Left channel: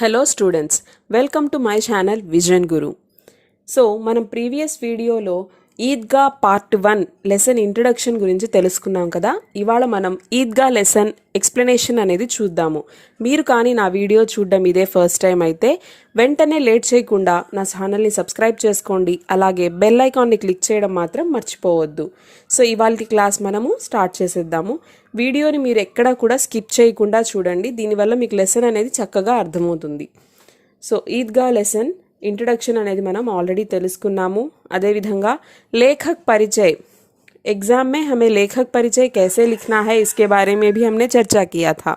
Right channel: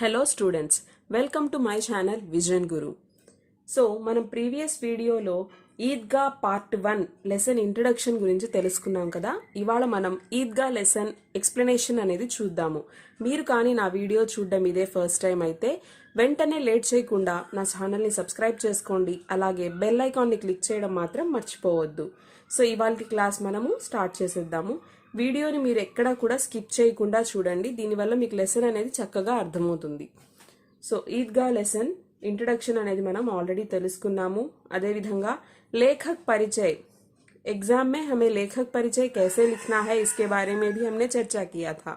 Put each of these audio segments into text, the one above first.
Hello students, welcome to my channel vision Guru. So మనం previous వీడియోలో Eidgah part 1 lesson introduction గురించి తెలుసుకున్నాం కదా. ఇవాళ మనం ఈద్గా లెసన్ ఎక్స్ప్లెనేషన్ అనేది చూద్దాము. మీరు కానీ నా వీడియో చూడడం ఇదే ఫస్ట్ టైం అయితే వెంటనే లేట్ చేయకుండా నా ఛానల్ని సబ్స్క్రైబ్ చేసుకోండి. అలాగే బెల్ ఐకాన్ని క్లిక్ చేయడం మాత్రం మర్చిపోవద్దు. సో ఇవాళ క్లాస్ మనము స్టార్ట్ చేసేద్దాము. వీడియోని మీరు ఎక్కడా కూడా స్కిప్ చేయకుండా చూడండి. దీనివల్ల మీకు లెసన్ అనేది చక్కగా అర్థమవుతుంది. సో ఈద్గా లెసన్ इंट्रोडक्शन అనేది మనం ఆల్రెడీ తెలుసుకున్నాము. అదేవిధంగా लेखक परिचय, एग्जाम में हमें लेखक परिचय कैसे लिखना है इसके बारे में भी हमने चर्चा किया था.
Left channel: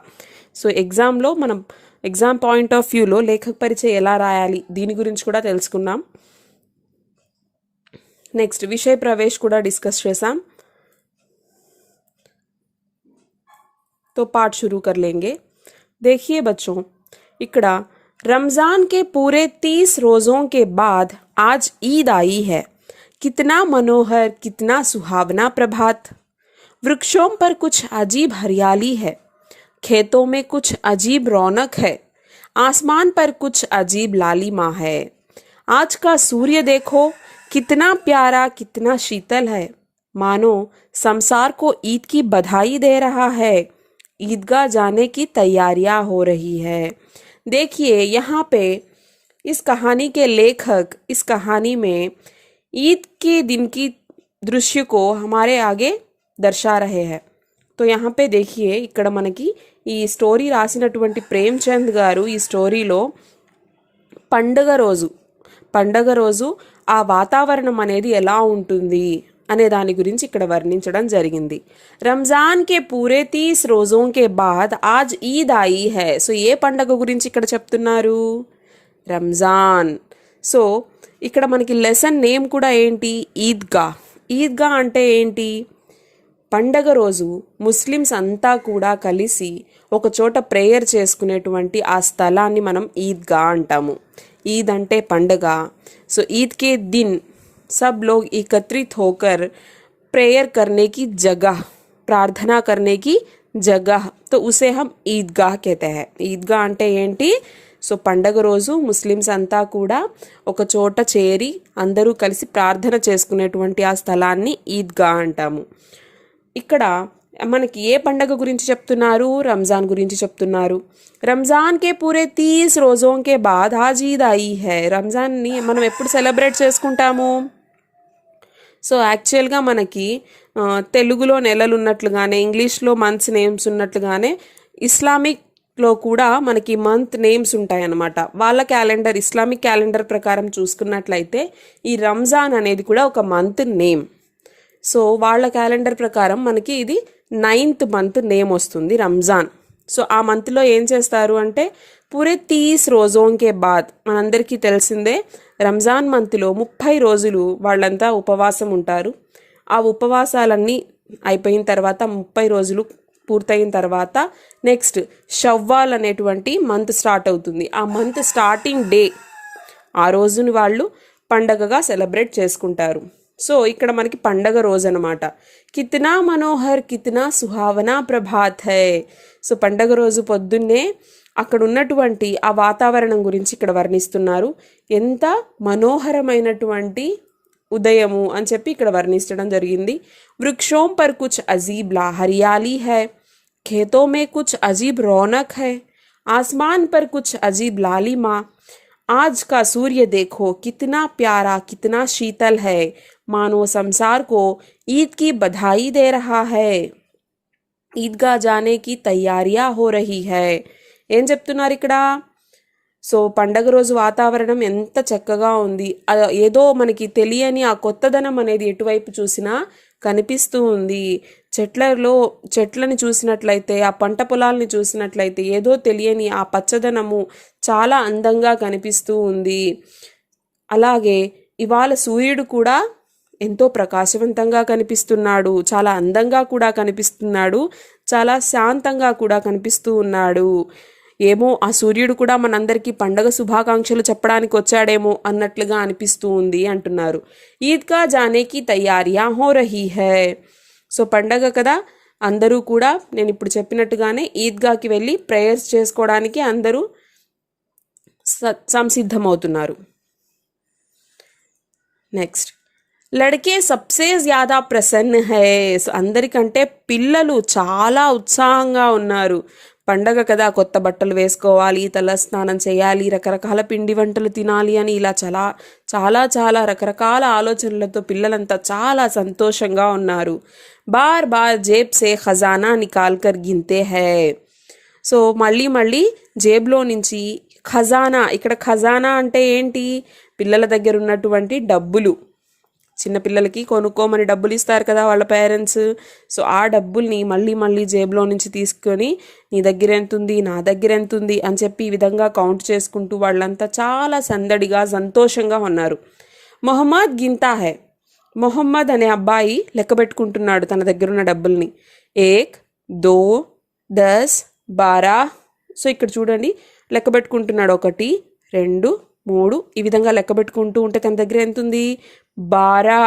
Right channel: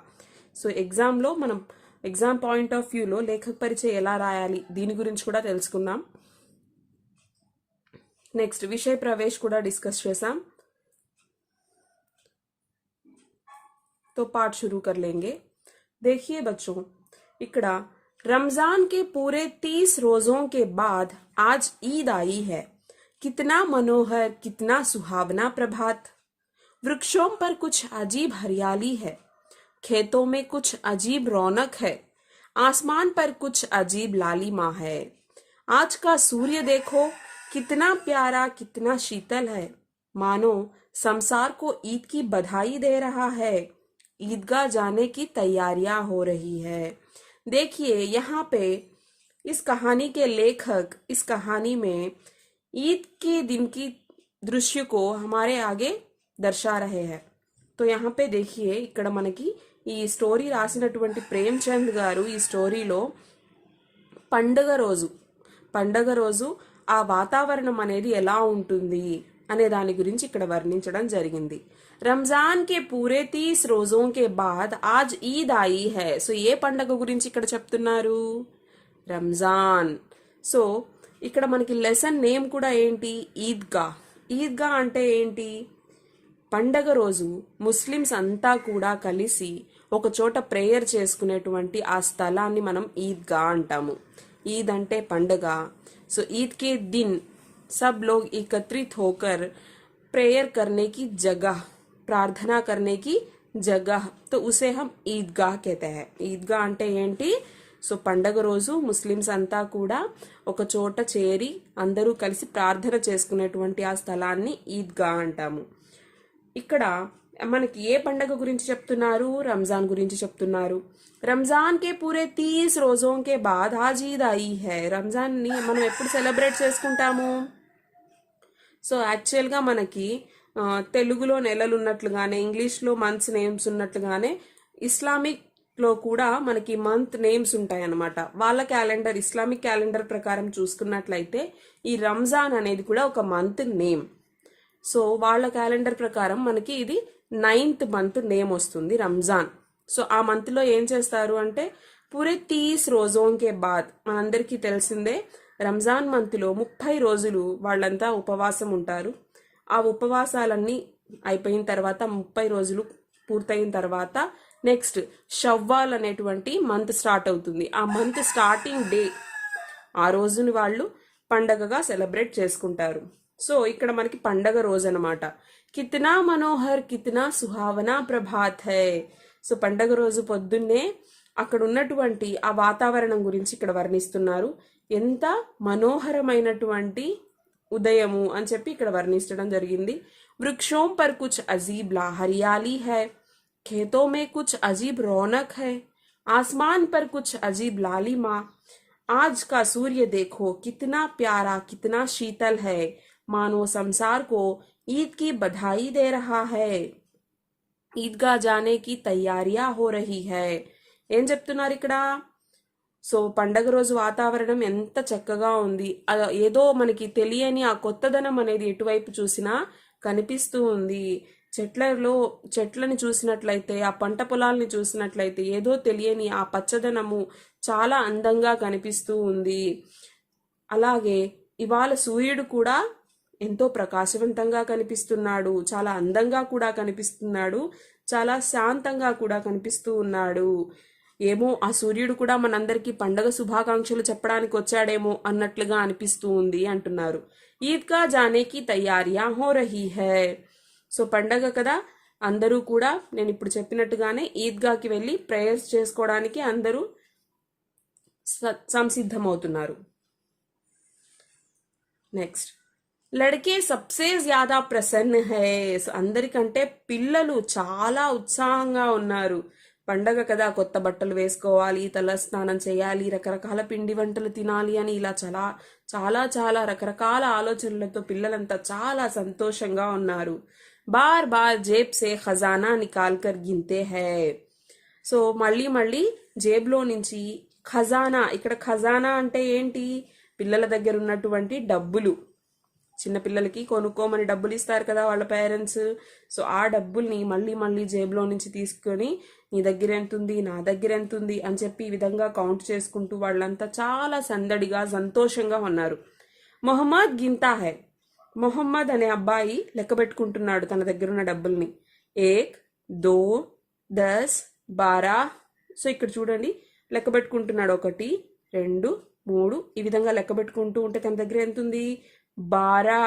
సో ఎగ్జామ్లో మనం ఎగ్జామ్ పాయింట్ ఆఫ్ వ్యూలో లేఖక్ పరిచయ ఎలా రాయాలి దీని గురించి కూడా తెలుసుకున్నాం. నెక్స్ట్ విషయ ప్రవేశ్ కూడా డిస్కస్ చేసాం. तो पाठ शुरू कर लेंगे. देखिए बच्चों, इकड़ा रमज़ान के पूरे 30 रोज़ों के बाद आज ईद आई है. कितना मनोहर, कितना सुहावना प्रभात. वृक्षों पर कुछ अजीब हरियाली है, खेतों में कुछ अजीब रौनक है, आसमान पर कुछ अजीब लालिमा है. आज का सूर्य देखो, कितना प्यारा, कितना शीतल है, मानो संसार को ईद की बधाई दे रहा है. ईदगाह जाने की तैयारियां हो रही है. देखिए यहाँ पे इस कहानी के लेखक इस कहानी में ईद के दिन की दृश्य को हमारे आगे दर्शा रहे हैं. तो यहाँ पे देखिए ఇక్కడ మనకి ఈ స్టోరీ రాసినటువంటి ప్రేమ్చంద్ గారు ఈ స్టోరీలో పండగ రోజు ఆ వాతావరణం అనేది ఎలా ఉంటుంది అనే దాని గురించి ఇక్కడ వర్ణించడం జరిగింది. రంజాన్ కే పూరే 30 రోజోं के बाद आज ईद आई है. సో ఏ పండగ గురించి ఇక్కడ చెప్తున్నారు? రంజాన్. సో ఇక్కడ మనకి లెసన్ నేమ్ కూడా ఏంటి? ఈద్గా. ఈద్గా అంటే ఏంటి? పండగ రోజు ముస్లిమ్స్ అంతా కూడా కలిసి ఒక చోట ప్రేయర్ చేసుకునేటువంటి ఆ స్థలాన్ని మనం ఈద్గా అంటాము. ఈద్ అంటే పండగ. సో ఈద్ కే దిన్ सब लोग एकत्रित होकर प्रेयर करने की जगह, प्रार्थना करने की जगह, तो उसे हम ईदगाह कहते हैं. ఈద్గా అంటే ఏంటి? సో పండగ రోజు ముస్లిమ్స్ అంతా కూడా ఒక చోట చేరి అందరూ కలిసి ప్రార్థన చేసుకునేటువంటి ఆ స్థలాన్ని ఈద్గా అంటాము. ఇక్కడ మనకి ఏ పండగ గురించి చెప్తున్నారు? రంజాన్ గురించి చెప్తున్నారు. రంజాన్ కే పూరే 30 రోజోं के बाद आज ईद आई है. రంజాన్ని మనం ఎప్పుడు సెలబ్రేట్ చేసుకుంటాము? సో యాక్చువల్గా మనకి తెలుగులో నెలలు ఉన్నట్లుగానే ఇంగ్లీష్లో మంత్స్ నేమ్స్ ఉన్నట్లుగానే ఇస్లామిక్లో కూడా మనకి మంత్ నేమ్స్ ఉంటాయన్నమాట. వాళ్ళ క్యాలెండర్ ఇస్లామిక్ క్యాలెండర్ ప్రకారం చూసుకున్నట్లయితే ఈ రంజాన్ అనేది కూడా ఒక మంత్ నేమ్. సో వాళ్ళ క్యాలెండర్ ప్రకారం మనకి ఇది 9th మంత్ నేమ్ వస్తుంది రంజాన్. సో ఆ మంత్లో ఏం చేస్తారు అంటే పూరే 30 రోజోं के बाद మనందరికీ తెలిసిందే రంజాన్ మంత్లో 30 రోజులు వాళ్ళంతా ఉపవాసం ఉంటారు. ఆ ఉపవాసాలన్నీ అయిపోయిన తర్వాత 30 రోజులు పూర్తయిన తర్వాత నెక్స్ట్ షవ్వాల్ అనేటువంటి మంత్ స్టార్ట్ అవుతుంది. ఆ మంత్ స్టార్టింగ్ డే ఆ రోజుని వాళ్ళు పండగగా సెలబ్రేట్ చేసుకుంటారు. సో ఇక్కడ మనకి పండగ రోజు అనమాట. కిత్నా మనోహర్, కిత్నా సుహావనా ప్రభాత్ హై. సో పండగ రోజు పొద్దున్నే అక్కడ ఉన్నటువంటి ఆ వాతావరణం గురించి ఇక్కడ వర్ణిస్తున్నారు. ఎంత మనోహరమైనటువంటి ఉదయము అని చెప్పి ఇక్కడ వర్ణించడం జరిగింది. వృక్షోం పర్ కుచ్ అజీబ్ లా హరియాली है, खेतों में कुछ अजीब रौनक है, आसमान पर कुछ अजीब लालिमा. आज का सूर्य देखो, कितना प्यारा, कितना शीतल है, मानो संसार को ईद की बधाई दे रहा है. ईदगाह जाने की तैयारियां हो रही है. ఏం చెప్తున్నారు ఇక్కడ? సో పండగ రోజు వాతావరణం ఎంత చక్కగా ఉంది. ఏదో మనకి తెలియని ఆ కొత్తదనం అనేది ఎటువైపు చూసినా కనిపిస్తూ ఉంది. చెట్లని చూసినట్లయితే, ఆ పంట పొలాలని చూసినట్లయితే ఏదో తెలియని ఆ పచ్చదనము చాలా అందంగా కనిపిస్తూ ఉంది. అలాగే ఇవాళ సూర్యుడు కూడా ఎంతో ప్రకాశవంతంగా కనిపిస్తున్నాడు, చాలా అందంగా కూడా కనిపిస్తున్నాడు, చాలా శాంతంగా కూడా కనిపిస్తూ ఉన్నాడు. ఏమో ఆ సూర్యుడు కూడా మనందరికీ పండగ శుభాకాంక్షలు చెప్పడానికి వచ్చాడేమో అన్నట్లుగా అనిపిస్తూ ఉంది అంటున్నారు. ఈద్గా జానేకి తయారియా హో రహీ హై. సో పండగ కదా, అందరూ కూడా నేను ఇప్పుడు చెప్పినట్టుగానే ఈద్గాకి వెళ్ళి ప్రేయర్స్ చేసుకోవడానికి అందరూ సంసిద్ధమవుతున్నారు. నెక్స్ట్, లడ్కే సబ్సే జ్యాదా ప్రసన్న హై. సో అందరికంటే పిల్లలు చాలా ఉత్సాహంగా ఉన్నారు. పండగ కదా, కొత్త బట్టలు వేసుకోవాలి, తల స్నానం చేయాలి, రకరకాల పిండి వంటలు తినాలి అని ఇలా చాలా చాలా చాలా రకరకాల ఆలోచనలతో పిల్లలంతా చాలా సంతోషంగా ఉన్నారు. బార్ బార్ జేబ్ సే ఖజానా నికాల్ కర్ గిన్తే హై. సో మళ్ళీ మళ్ళీ జేబులో నుంచి ఖజానా, ఇక్కడ ఖజానా అంటే ఏంటి, పిల్లల దగ్గర ఉన్నటువంటి డబ్బులు, చిన్నపిల్లలకి కొనుక్కోమని డబ్బులు ఇస్తారు కదా వాళ్ళ పేరెంట్స్. సో ఆ డబ్బుల్ని మళ్ళీ మళ్ళీ జేబులో నుంచి తీసుకొని నీ దగ్గర ఎంత ఉంది, నా దగ్గర ఎంత ఉంది అని చెప్పి ఈ విధంగా కౌంట్ చేసుకుంటూ వాళ్ళంతా చాలా సందడిగా సంతోషంగా ఉన్నారు. మొహమ్మద్ గిన్తా హై. మొహమ్మద్ అనే అబ్బాయి లెక్క పెట్టుకుంటున్నాడు తన దగ్గరున్న డబ్బుల్ని. 1 2 10 12. సో ఇక్కడ చూడండి లెక్క పెట్టుకుంటున్నాడు, 1 2 3 ఈ విధంగా లెక్క పెట్టుకుంటూ ఉంటే తన దగ్గర ఎంత ఉంది, 12.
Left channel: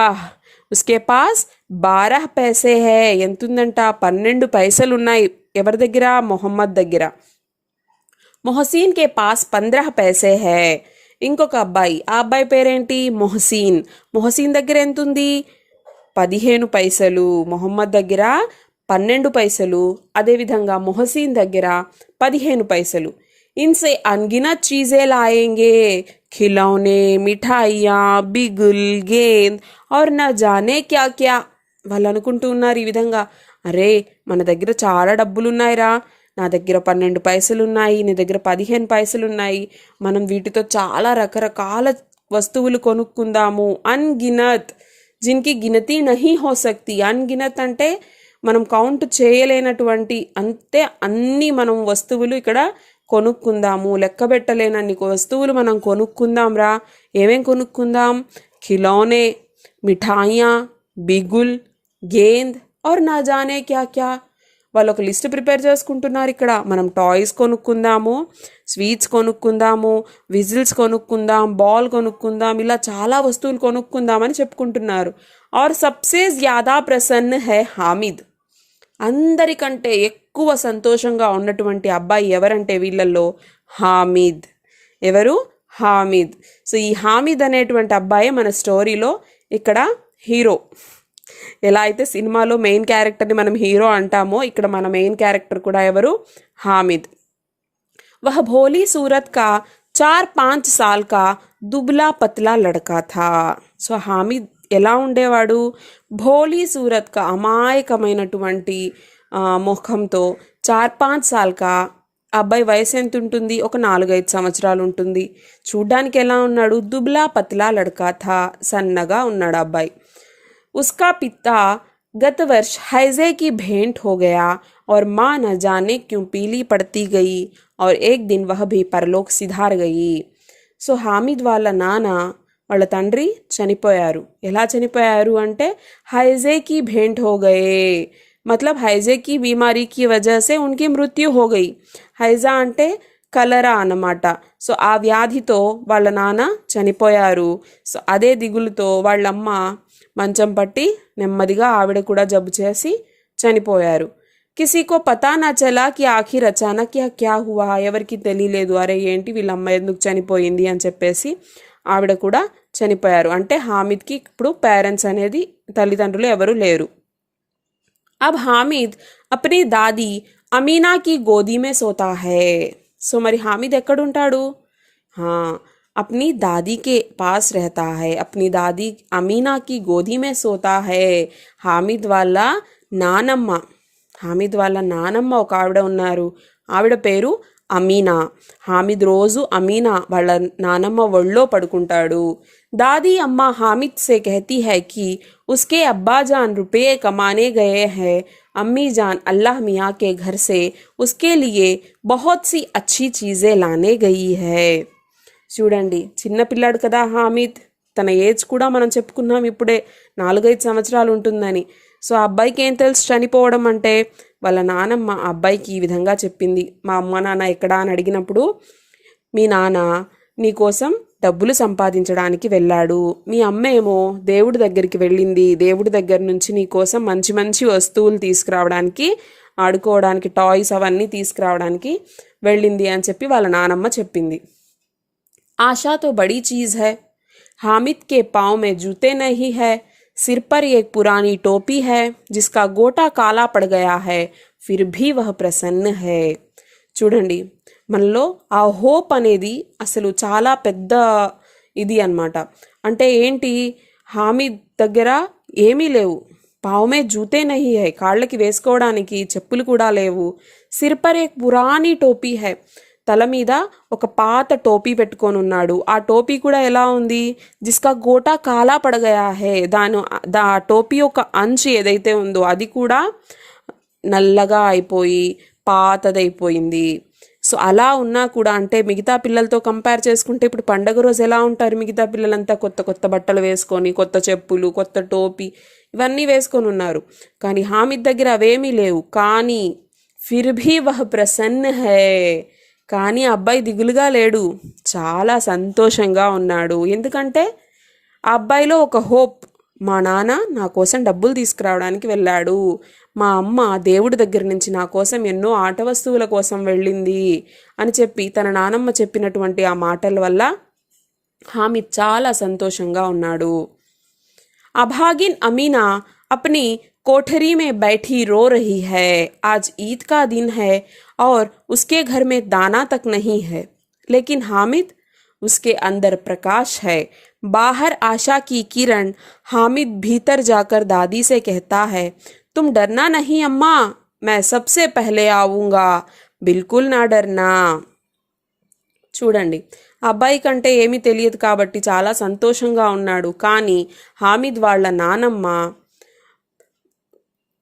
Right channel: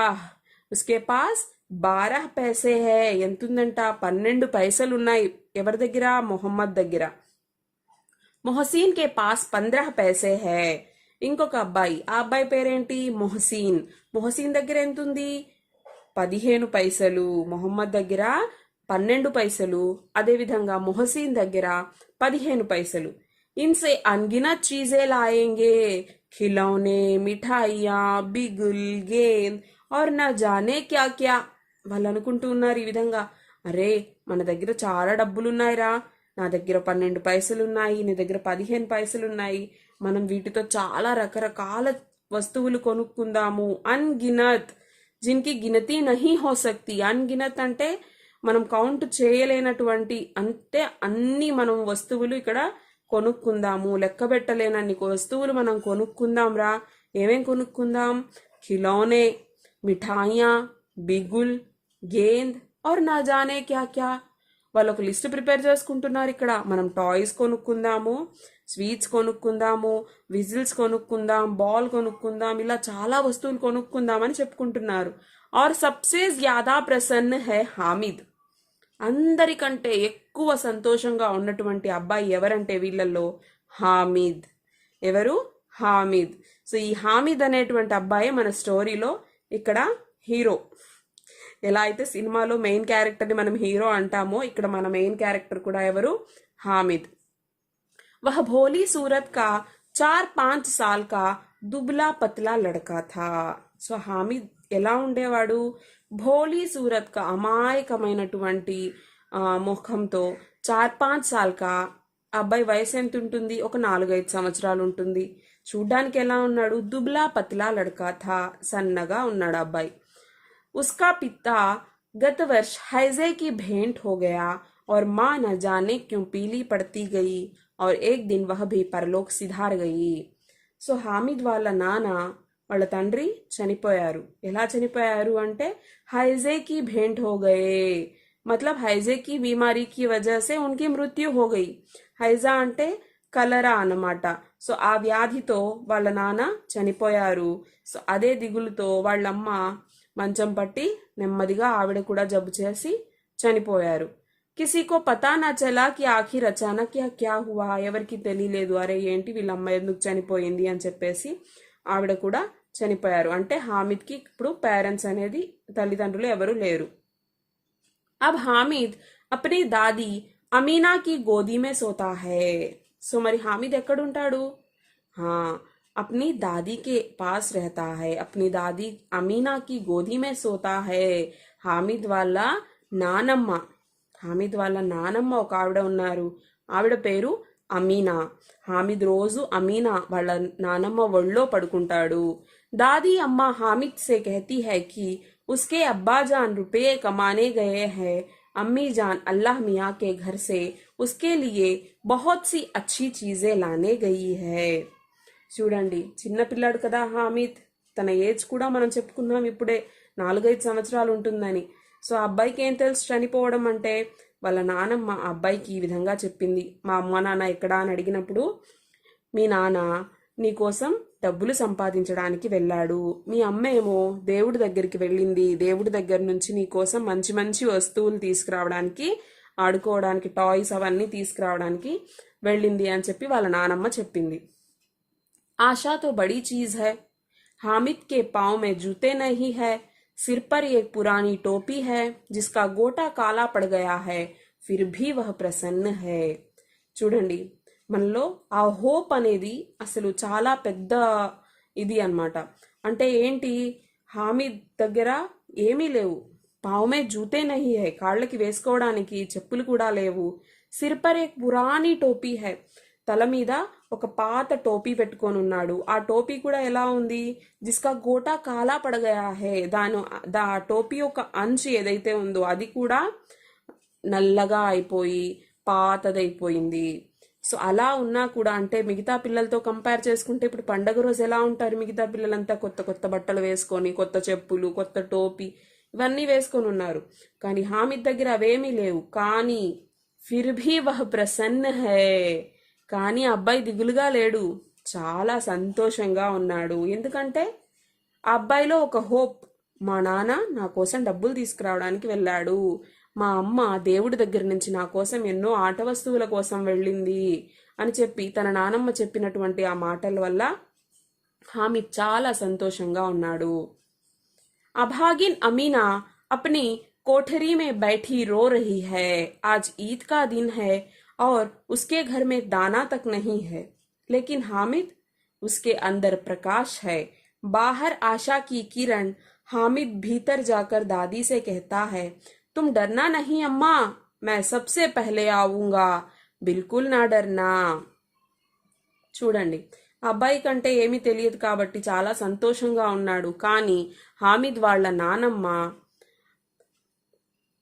ఉస్కే పాస్ 12 పైసే హై. ఎంత ఉందంట, 12 పైసలు ఉన్నాయి. ఎవరి దగ్గర, మొహమ్మద్ దగ్గర. మొహసీన్ కే పాస్ 15 పైసే హై. ఇంకొక అబ్బాయి, ఆ అబ్బాయి పేరేంటి, మొహసీన్. మొహసీన్ దగ్గర ఎంత ఉంది, 15 పైసలు. మొహమ్మద్ దగ్గర 12 పైసలు, అదేవిధంగా మొహసీన్ దగ్గర 15 పైసలు. इनसे अनगिनत चीज़ें लाएंगे, खिलौने, मिठाइयाँ, बिगुल, गेंद और न जाने क्या क्या. వాళ్ళు అనుకుంటూ ఉన్నారు ఈ విధంగా, అరే మన దగ్గర చాలా డబ్బులు ఉన్నాయిరా, నా దగ్గర 12 పైసలు ఉన్నాయి, నీ దగ్గర 15 పైసలు ఉన్నాయి, మనం వీటితో చాలా రకరకాల వస్తువులు కొనుక్కుందాము. అన్గినత్, జిన్కి గినతి నహీ హో సక్తి. అన్గినత్ అంటే మనం కౌంట్ చేయలేనటువంటి, అంతే అన్ని మనం వస్తువులు ఇక్కడ కొనుక్కుందాము, లెక్క పెట్టలేనన్ని వస్తువులు మనం కొనుక్కుందాం రా. ఏమేం కొనుక్కుందాం, ఖిలౌనే, మిఠాయియా, బిగుల్, గేంద్ और ना जाने क्या क्या. వాళ్ళు ఒక లిస్ట్ ప్రిపేర్ చేసుకుంటున్నారు ఇక్కడ. మనం టాయ్స్ కొనుక్కుందాము, స్వీట్స్ కొనుక్కుందాము, విజిల్స్ కొనుక్కుందాం, బాల్ కొనుక్కుందాం, ఇలా చాలా వస్తువులు కొనుక్కుందామని చెప్పుకుంటున్నారు. और सबसे ज़्यादा प्रसन्न है हामिद. అందరికంటే ఎక్కువ సంతోషంగా ఉన్నటువంటి అబ్బాయి ఎవరంటే వీళ్ళల్లో హామిద్. ఎవరు, హామిద్. సో ఈ హామిద్ అనేటువంటి అబ్బాయి మన స్టోరీలో ఇక్కడ హీరో. ఎలా అయితే సినిమాలో మెయిన్ క్యారెక్టర్ని మనం హీరో అంటామో, ఇక్కడ మన మెయిన్ క్యారెక్టర్ కూడా ఎవరు, హామిద్. వహ భోలీ సూరత్ కా 4-5 साल का దుబ్లా పత్లా లడకా థా. సో హామిద్ ఎలా ఉండేవాడు, భోలీ సూరత్ కా, అమాయకమైనటువంటి ముఖంతో, 4-5 साल కా, అబ్బాయి వయసు ఎంత ఉంటుంది, ఒక 4-5 సంవత్సరాలు ఉంటుంది. చూడ్డానికి ఎలా ఉన్నాడు, దుబ్లా పత్లా లడకా థా, సన్నగా ఉన్నాడు అబ్బాయి. उसका पिता गत वर्ष हैजे की भेंट हो गया और माँ न जाने क्यों पीली पड़ती गई और एक दिन वह भी परलोक सिधार गई. సో హామిద్ వాళ్ళ నాన్న, వాళ్ళ తండ్రి చనిపోయారు. ఎలా చనిపోయారు అంటే हैजे की भेंट हो गए, मतलब हैजे की बीमारी की वजह से उनकी मृत्यु हो गई. हैजा అంటే కలరా అన్నమాట. సో ఆ వ్యాధితో వాళ్ళ నాన్న చనిపోయారు. సో అదే దిగులుతో వాళ్ళమ్మ మంచం పట్టి నెమ్మదిగా ఆవిడ కూడా జబ్బు చేసి చనిపోయారు. కిసీకో పతా నా చలా కి ఆఖిర్ అచానక్ యా క్యా హువా. ఎవరికి తెలియలేదు, అరే ఏంటి వీళ్ళమ్మ ఎందుకు చనిపోయింది అని చెప్పేసి ఆవిడ కూడా చనిపోయారు. అంటే హామిద్కి ఇప్పుడు పేరెంట్స్ అనేది, తల్లిదండ్రులు ఎవరు లేరు. అబ్ హామిద్ అప్నీ దాది అమీనాకి గోదీ మే సోతా హై. సో మరి హామిద్ ఎక్కడుంటాడు, अपनी दादी के पास रहता है, अपनी दादी अमीना की गोदी में सोता है. హామిద్ వాళ్ళ నానమ్మ, హామిద్ వాళ్ళ నానమ్మ ఒక ఆవిడ ఉన్నారు, ఆవిడ పేరు అమీనా. హామిద్ రోజు అమీనా వాళ్ళ నానమ్మ ఒళ్ళో పడుకుంటాడు. दादी अम्मा हामिद से कहती है कि उसके अब्बा जान रुपये कमाने गए हैं, अम्मी जान अल्लाह मियाँ के घर से उसके लिए बहुत सी अच्छी चीज़ें लाने गई है. చూడండి, చిన్నపిల్లాడు కదా హామిద్, తన ఏజ్ కూడా మనం చెప్పుకున్నాం ఇప్పుడే, 4-5 సంవత్సరాలు ఉంటుందని. సో ఆ అబ్బాయికి ఏం తెలుసు చనిపోవడం అంటే. వాళ్ళ నానమ్మ ఆ అబ్బాయికి ఈ విధంగా చెప్పింది. మా అమ్మ నాన్న ఎక్కడా అని అడిగినప్పుడు, మీ నాన్న నీకోసం డబ్బులు సంపాదించడానికి వెళ్ళాడు, మీ అమ్మ ఏమో దేవుడి దగ్గరికి వెళ్ళింది, దేవుడి దగ్గర నుంచి నీకోసం మంచి మంచి వస్తువులు తీసుకురావడానికి, ఆడుకోవడానికి టాయ్స్ అవన్నీ తీసుకురావడానికి వెళ్ళింది అని చెప్పి వాళ్ళ నానమ్మ చెప్పింది. आशा तो बड़ी चीज है। हामिद के पाँव में जूते नहीं है, सिर पर एक पुरानी टोपी है जिसका गोटा काला पड़ गया है, फिर भी वह ప్రసన్న है. చూడండి, మనలో ఆ హోప్ అనేది అసలు చాలా పెద్ద ఇది అన్నమాట. అంటే ఏంటి, హామీద్ దగ్గర ఏమీ లేవు, పావుమే జూతే నహీ హై, కాళ్ళకి వేసుకోవడానికి చెప్పులు కూడా లేవు, సిర్ పర్ ఏక్ పురానీ టోపీ హై, తల మీద ఒక పాత టోపీ పెట్టుకొని ఉన్నాడు. ఆ టోపీ కూడా ఎలా ఉంది, జిస్కా గోటా కాలా పడగయా హే, ఆ టోపీ యొక్క అంచు ఏదైతే ఉందో అది కూడా నల్లగా అయిపోయి పాతదైపోయింది. సో అలా ఉన్నా కూడా, అంటే మిగతా పిల్లలతో కంపేర్ చేసుకుంటే ఇప్పుడు పండగ రోజు ఎలా ఉంటారు మిగతా పిల్లలంతా, కొత్త కొత్త బట్టలు వేసుకొని, కొత్త చెప్పులు, కొత్త టోపీ ఇవన్నీ వేసుకొని ఉన్నారు. కానీ హామిద్ దగ్గర అవేమీ లేవు. కానీ ఫిర్ భీ వహ్ ప్రసన్న హై, కానీ అబ్బాయి దిగులుగా లేడు, చాలా సంతోషంగా ఉన్నాడు. ఎందుకంటే ఆ అబ్బాయిలో ఒక హోప్, మా నాన్న నా కోసం డబ్బులు తీసుకురావడానికి వెళ్ళాడు, మా అమ్మ దేవుడి దగ్గర నుంచి నా కోసం ఎన్నో ఆట వస్తువుల కోసం వెళ్ళింది అని చెప్పి తన నానమ్మ చెప్పినటువంటి ఆ మాటల వల్ల హామిద్ చాలా సంతోషంగా ఉన్నాడు. అభాగిన్ అమీనా अपनी कोठरी में बैठी रो रही है, आज ईद का दिन है और उसके घर में दाना तक नहीं है, लेकिन हामिद, उसके अंदर प्रकाश है, बाहर आशा की किरण. हामिद भीतर जाकर दादी से कहता है, तुम डरना नहीं अम्मा, मैं सबसे पहले आऊँगा, बिल्कुल ना डरना. చూడండి, అబ్బాయి కంటే ఏమీ తెలియదు కాబట్టి చాలా సంతోషంగా ఉన్నాడు. కానీ హామిద్ వాళ్ళ నానమ్మ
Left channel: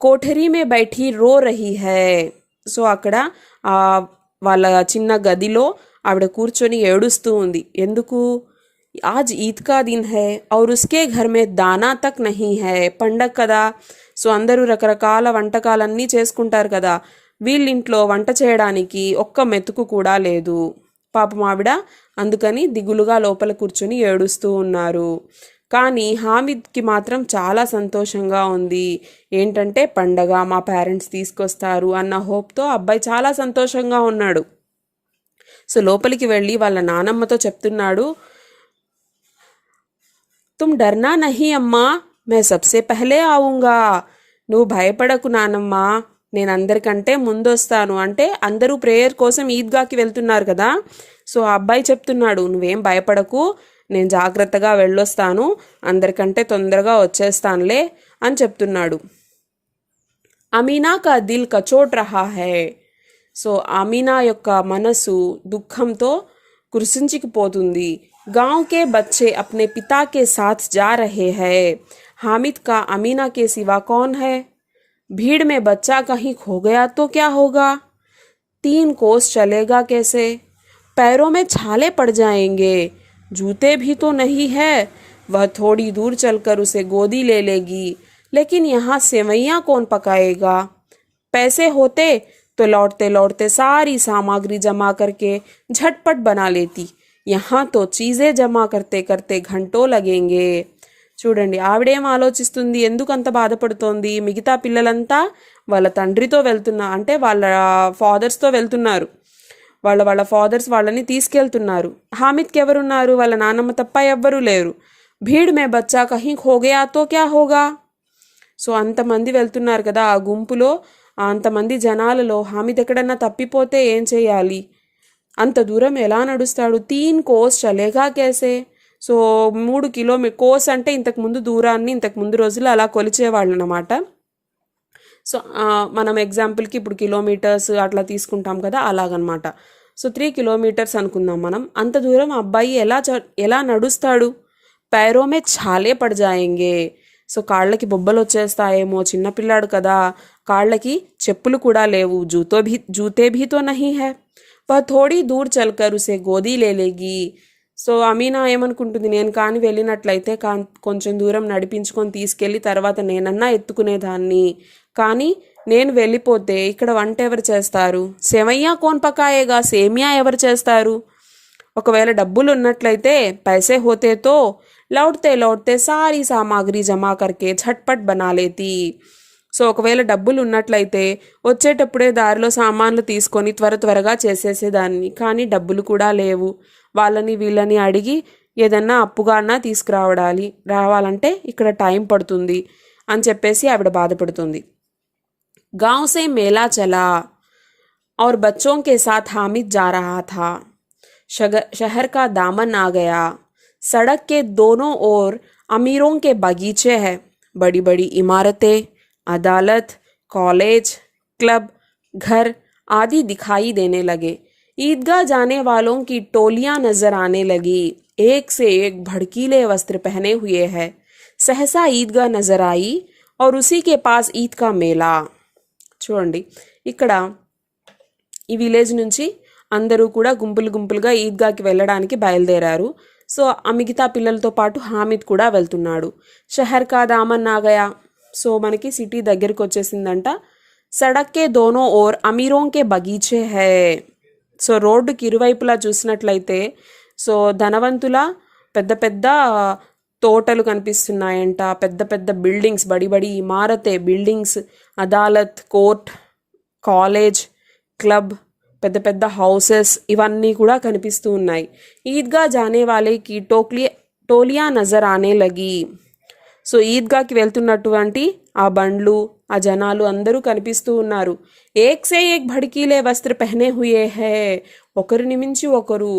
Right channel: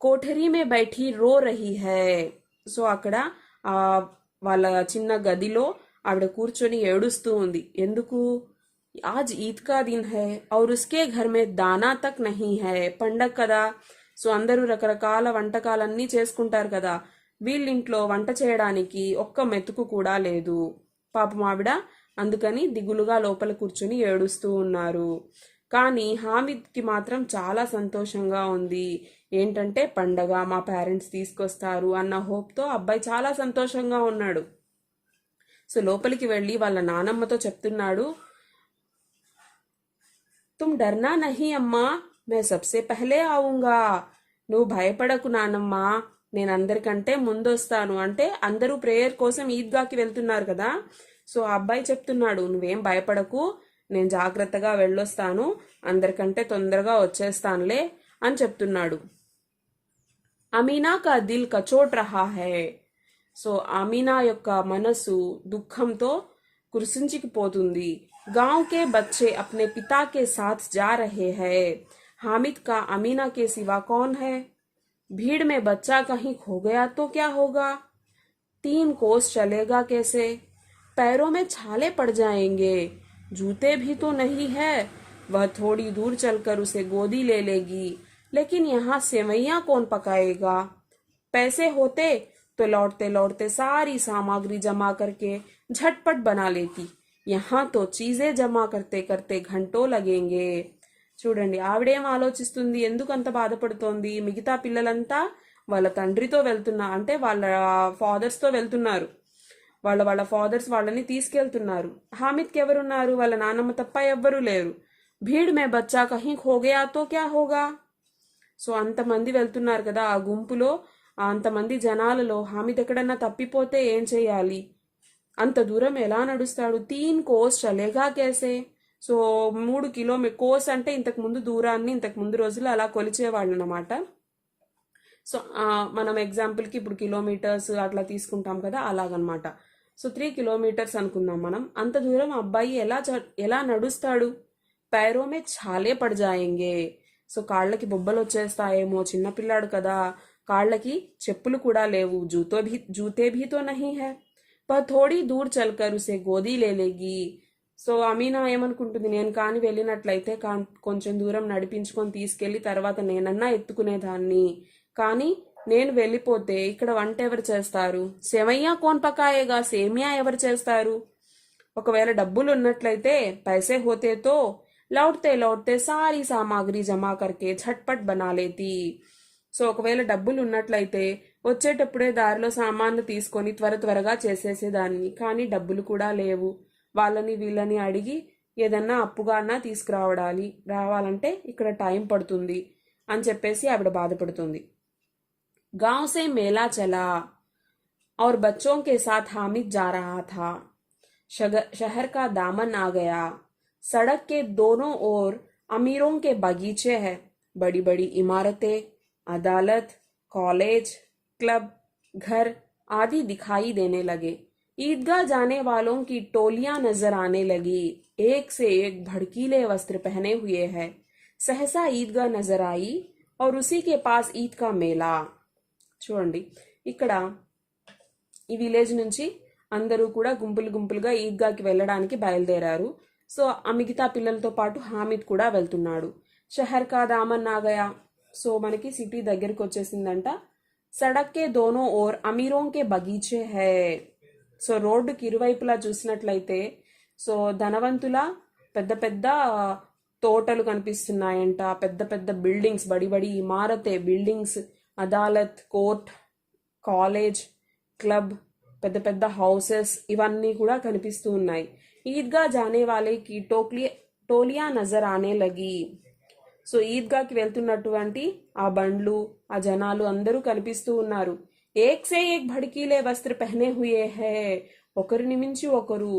కోఠరీ మే బైఠీ రో రహీ హై, సో అక్కడ వాళ్ళ చిన్న గదిలో ఆవిడ కూర్చొని ఏడుస్తూ ఉంది. ఎందుకు, ఆజ్ ఈద్ కా దిన్ హై ఔర్ ఉస్కే ఘర్ మే దానా తక్ నహీ హై, పండగ కదా, సో అందరూ రకరకాల వంటకాలన్నీ చేసుకుంటారు కదా, వీళ్ళింట్లో వంట చేయడానికి ఒక్క మెతుకు కూడా లేదు. పాపం ఆవిడ అందుకని దిగులుగా లోపల కూర్చొని ఏడుస్తూ ఉన్నారు. కానీ హామిద్కి మాత్రం చాలా సంతోషంగా ఉంది. ఏంటంటే పండగ, మా పేరెంట్స్ తీసుకొస్తారు అన్న హోప్తో అబ్బాయి చాలా సంతోషంగా ఉన్నాడు. సో లోపలికి వెళ్ళి వాళ్ళ నానమ్మతో చెప్తున్నాడు, తుమ్ డర్నా నహీ అమ్మా, మే సబ్సే పహలే ఆవుంగా, నువ్వు భయపడకు నానమ్మ, నేను అందరికంటే ముందొస్తాను. అంటే అందరూ ప్రేయర్ కోసం ఈద్గాకి వెళ్తున్నారు కదా, సో ఆ అబ్బాయి చెప్తున్నాడు, నువ్వేం భయపడకు, నేను జాగ్రత్తగా వెళ్ళొస్తాను, అందరికంటే తొందరగా వచ్చేస్తానులే అని చెప్తున్నాడు. అమీనా కా దిల్ కచోట్ రహా హై, సో అమీనా యొక్క మనసు దుఃఖంతో కురిసించుకుపోతుంది. गांव के बच्चे अपने पिता के साथ जा रहे हैं, हामिद का अमीना के सिवा कौन है, भीड़ में बच्चा कहीं खो गया तो क्या होगा, 3 कोस चलेगा कैसे, पैरों में छाले पड़ जाएंगे, जूते भी तो नहीं है, वह थोड़ी दूर चलकर उसे गोदी ले लेगी, लेकिन यहाँ सेवैयाँ कौन पकाएगा, पैसे होते तो लौटते लौटते सारी सामग्री जमा करके झटपट बना लेती, यहाँ तो చీజే జమా करते करते घंटों लगेंगे. చూడండి, ఆవిడేం ఆలోచిస్తుంది, ఎందుకు అంత బాధపడుతోంది, మిగతా పిల్లలంతా వాళ్ళ తండ్రితో అంటే వాళ్ళ ఫాదర్స్తో వెళ్తున్నారు, వాళ్ళ ఫాదర్స్ వాళ్ళని తీసుకెళ్తున్నారు. హామిద్కి ఎవరున్నారు, వాళ్ళ నాన్నమ్మ తప్ప ఎవ్వరూ లేరు. భీడ్ మే బచ్చా కहीं ఖో గయా తో క్యా హోగా, సో అంతమంది వెళ్తున్నారు కదా, ఆ గుంపులో అంతమంది జనాలలో హామిద్ ఎక్కడన్నా తప్పిపోతే ఏం చేయాలి, అంత దూరం ఎలా నడుస్తాడు, 3 కోస్ చలేగా కేసే, సో 3 కిలోమీటర్, కోస్ అంటే ఇంతకుముందు దూరాన్ని ఇంతకుముందు రోజులు అలా కొలిచేవాళ్ళు అనమాట. సో మనం ఎగ్జాంపుల్కి ఇప్పుడు కిలోమీటర్స్ అట్లా తీసుకుంటాం కదా, అలాగనమాట. సో 3 కిలోమీటర్స్ అనుకుందాం మనం. అంత దూరం అబ్బాయి ఎలా నడుస్తాడు, పైరోమే ఛాలే పడ్ జాయేంగే, సో కాళ్ళకి బొబ్బలు వచ్చేస్తాయేమో, చిన్నపిల్లాడు కదా, కాళ్ళకి చెప్పులు కూడా లేవు, జూతే భీ తో నహీ హై, వహ్ థోడీ దూర్ చల్కర్ ఉసే గోదీ లేలేగి, సో అమీనా ఏమనుకుంటుంది, నేను కానీ వెళ్ళినట్లయితే కొంచెం దూరం నడిపించుకొని తీసుకెళ్ళి తర్వాత నేనన్నా ఎత్తుకునేదాన్ని, కానీ నేను వెళ్ళిపోతే ఇక్కడ వంట ఎవరు చేస్తారు, సేవయ్యా కోన్ పకాయేగా, సేమియా ఎవరు చేస్తారు, ఒకవేళ డబ్బులు ఉన్నట్లయితే పైసే హోతేతో లౌట్తే లౌట్తే సారీ సామాగ్రి జమా కర్కే ఝట్పట్ బనా లేతి, సో ఒకవేళ డబ్బులు ఉన్నట్లయితే వచ్చేటప్పుడే దారిలో సామాన్లు తీసుకొని త్వరగా చేసేసేదాన్ని, కానీ డబ్బులు కూడా లేవు, వాళ్ళని వీళ్ళని అడిగి ఏదన్నా అప్పుగా అన్నా రావాలంటే ఇక్కడ టైం పడుతుంది అని చెప్పేసి ఆవిడ బాధపడుతుంది. गांव से मेला चला और बच्चों के साथ हामिद जा रहा था. शहर का दामन आ गया. सड़क के दोनों ओर अमीरों के बगीचे हैं. बड़ी बड़ी इमारतें, अदालत, कॉलेज, क्लब, घर आदि दिखाई देने लगे. ईदगाह जाने वालों की टोलियां नजर आने लगी. एक से एक भड़कीले वस्त्र पहने हुए है. सहसा ईदगाह नजर आई और उसी के पास ईद का मेला. చూడండి, ఇక్కడ ఈ విలేజ్ నుంచి అందరూ కూడా గుంపులు గుంపులుగా ఈద్గాకి వెళ్ళడానికి బయలుదేరారు. సో ఆ మిగతా పిల్లలతో పాటు హామిద్ కూడా వెళ్తున్నాడు. షహర్ కా దామన్ ఆ గయా. సో మనకి సిటీ దగ్గరికి వచ్చేసిందంట. సడక్ కే Dono or అమీరోం K బగీచే high. So రోడ్డుకి ఇరువైపులా చూసినట్లయితే సో ధనవంతుల పెద్ద పెద్ద తోటలు కనిపిస్తున్నాయంట. పెద్ద పెద్ద బిల్డింగ్స్, బడి బడి ఇమారతే బిల్డింగ్స్, అదాలత్, కోర్ట్, కాలేజ్, క్లబ్, పెద్ద పెద్ద హౌసెస్ ఇవన్నీ కూడా కనిపిస్తూ ఉన్నాయి. ఈద్గా జానే వాలేకి టోలియా నజర్ ఆనే లగి. సో ఈద్గాకి వెళ్తున్నటువంటి ఆ బండ్లు, ఆ జనాలు అందరూ కనిపిస్తూ ఉన్నారు. ఏక్ సే ఏక్ భడికీలే వస్త్ర పెహనే హుయే హై. ఒకరిని మించి ఒకరు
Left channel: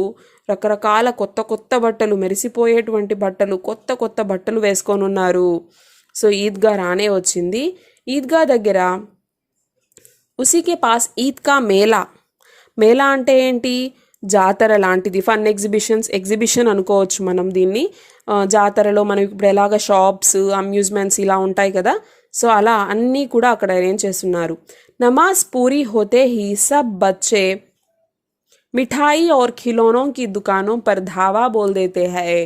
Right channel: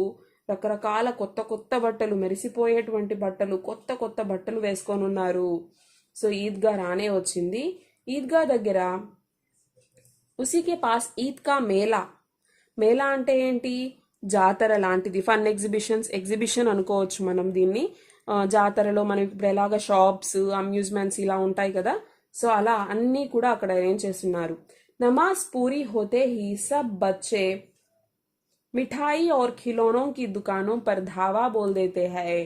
రకరకాల కొత్త కొత్త బట్టలు, మెరిసిపోయేటువంటి బట్టలు, కొత్త కొత్త బట్టలు వేసుకొని ఉన్నారు. సో ఈద్గా రానే వచ్చింది. ఈద్గా దగ్గర ఉసీకే పాస్ ఈద్ కా మేళా. మేళా అంటే ఏంటి? జాతర లాంటిది. ఫన్ ఎగ్జిబిషన్ అనుకోవచ్చు మనం దీన్ని. జాతరలో మనం ఇప్పుడు ఎలాగ షాప్స్, అమ్యూజ్మెంట్స్ ఇలా ఉంటాయి కదా, సో అలా అన్నీ కూడా అక్కడ అరేంజ్ చేస్తున్నారు. నమాజ్ పూరీ హోతే హీ సబ్ బచ్చే మిఠాయి और खिलौनों की दुकानों पर धावा बोल देते हैं.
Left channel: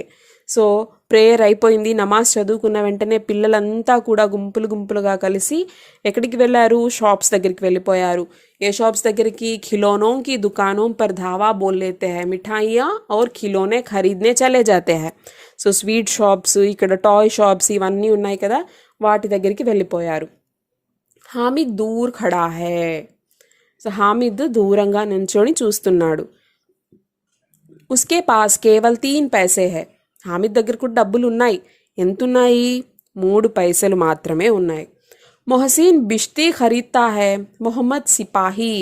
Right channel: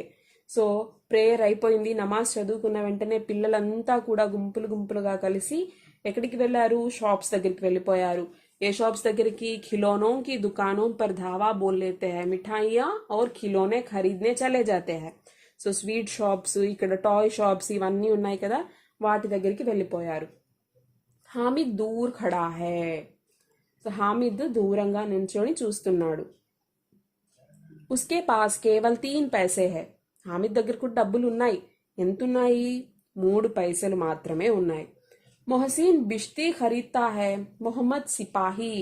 సో ప్రేయర్ అయిపోయింది, నమాజ్ చదువుకున్న వెంటనే పిల్లలంతా కూడా గుంపులు గుంపులుగా కలిసి ఎక్కడికి వెళ్ళారు? షాప్స్ దగ్గరికి వెళ్ళిపోయారు. ఏ షాప్స్ దగ్గరికి? ఖిలోనోं की दुकानों पर धावा बोल लेते हैं. మిఠాయియా और खिलौने खरीदने चले जाते हैं. సో స్వీట్ షాప్స్, ఇక్కడ టాయ్ షాప్స్ ఇవన్నీ ఉన్నాయి కదా, వాటి దగ్గరికి వెళ్ళిపోయారు. హామిద్ దూర్ ఖడా హై. సో హామిద్ దూరంగా నించొని చూస్తున్నాడు. ఉస్కే పాస్ కేవల్ 3 పైసే హై. హామిద్ దగ్గర కూడా డబ్బులు ఉన్నాయి. ఎంతున్నాయి? 3 పైసలు మాత్రమే ఉన్నాయి. మొహసిన్ బిష్తీ ఖరీద్తా హై. మొహమ్మద్ సిపాహీ,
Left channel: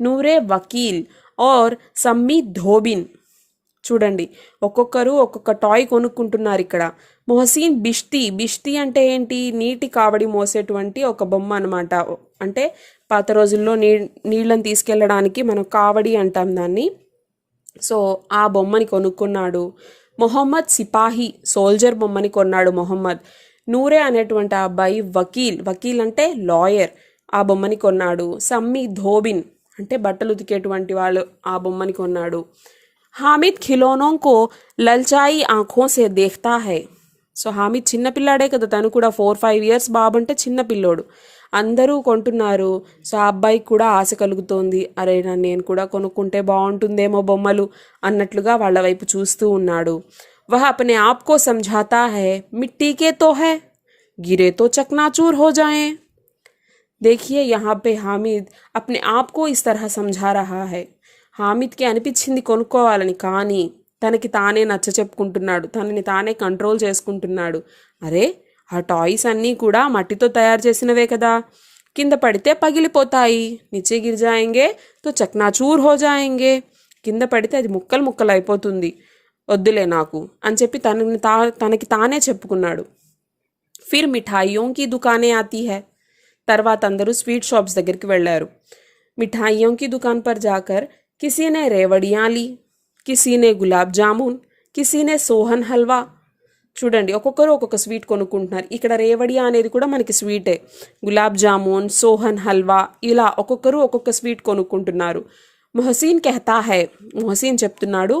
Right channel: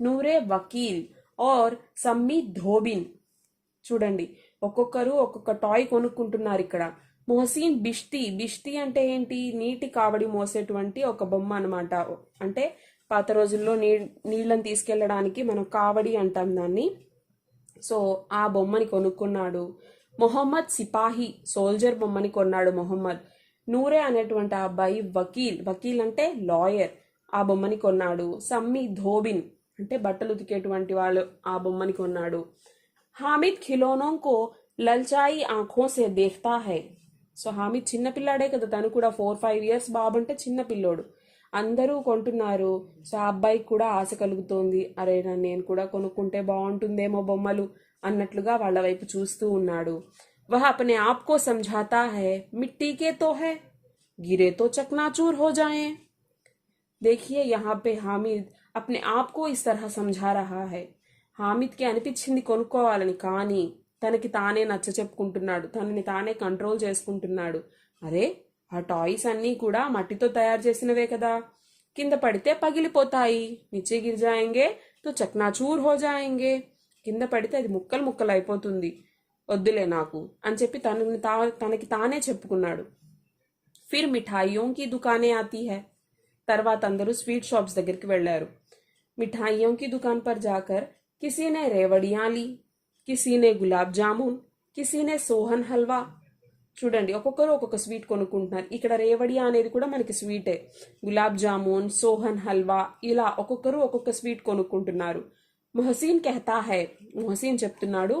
నూరే వకీల్ और సమ్మీ ధోబిన్. చూడండి, ఒక్కొక్కరు ఒక్కొక్క టాయ్ కొనుక్కుంటున్నారు ఇక్కడ. మొహసిన్ బిష్తీ అంటే ఏంటి? నీటి కావడి మోసేటువంటి ఒక బొమ్మ అనమాట. అంటే పాత రోజుల్లో నీళ్ళని తీసుకెళ్ళడానికి మనం కావడి అంటాం దాన్ని. సో ఆ బొమ్మని కొనుక్కున్నాడు. మొహమ్మద్ సిపాహీ, సోల్జర్ బొమ్మని కొన్నాడు మొహమ్మద్. నూరే అనేటువంటి ఆ అబ్బాయి వకీల్ అంటే లాయర్, ఆ బొమ్మని కొన్నాడు. సమ్మీ ధోబిన్ అంటే బట్టలు ఉతికేటువంటి వాళ్ళు, ఆ బొమ్మని కొన్నాడు. హామిద్ ఖిలోనోं को లల్చాయి ఆంఖోं से देखता है. సో హామిద్ చిన్నపిల్లాడే కదా, తను కూడా 4-5 ఇయర్స్ బాబు అంటే చిన్నపిల్లోడు. అందరూ కొంటున్నారు. సో ఆ అబ్బాయికి కూడా ఆశ కలుగుతోంది. అరే నేను కూడా కొనుక్కుంటే బాగుంటుందేమో బొమ్మలు అన్నట్లుగా వాళ్ళ వైపు చూస్తూ ఉన్నాడు. వహ అప్నే ఆప్ కో సమఝాతా హై. మిట్టీ కే తో హై, గిరే తో చకనాచూర్ హో జాయే. देखिए यहाँ पे हामिद अपने आप को इस तरह समझा रहा है. హామిద్కి అనిపించింది కొనుక్కోవాలని, కానీ తనకి తానే నచ్చ చెప్పుకుంటున్నాడు, తనని తానే కంట్రోల్ చేసుకుంటున్నాడు. అరే ఆ టాయ్స్ అన్నీ కూడా మట్టితో తయారు చేసినవే కదా, కింద పడితే పగిలిపోతాయి. నిచ్చే గిర్ జాయేంగే తో చక్నాచూర్ హో జాయేంగే. కింద పడితే అది ముక్కలు ముక్కలు అయిపోతుంది, వద్దులే నాకు అని చెప్పి తనకి తానే చెప్పుకున్నాడు. ఫిర్ మిఠాయియోं की दुकानें आती है. తర్వాత అందరూ స్వీట్ షాప్స్ దగ్గరికి వెళ్ళారు. మిఠాయియోं की दुकान पर जाकर किसी ने रेवड़ियाँ ली, किसी ने गुलाब जामुन, किसी ने सोहन हलवा. చూడండి, ఒక్కొక్కరు ఒక్కొక్క స్వీట్ కొనుక్కుంటున్నారు. ఇక్కడ రేవడియా అనేది కూడా మనకి స్వీటే. గులాబ్ జామున్, సోహన్ హల్వా, ఇలా ఒక్కొక్కరు ఒక్కొక్క స్వీట్ కొనుక్కుంటున్నారు. మొహసిన్ కెహతా హై. మొహసిన్ చెప్తున్నాడు,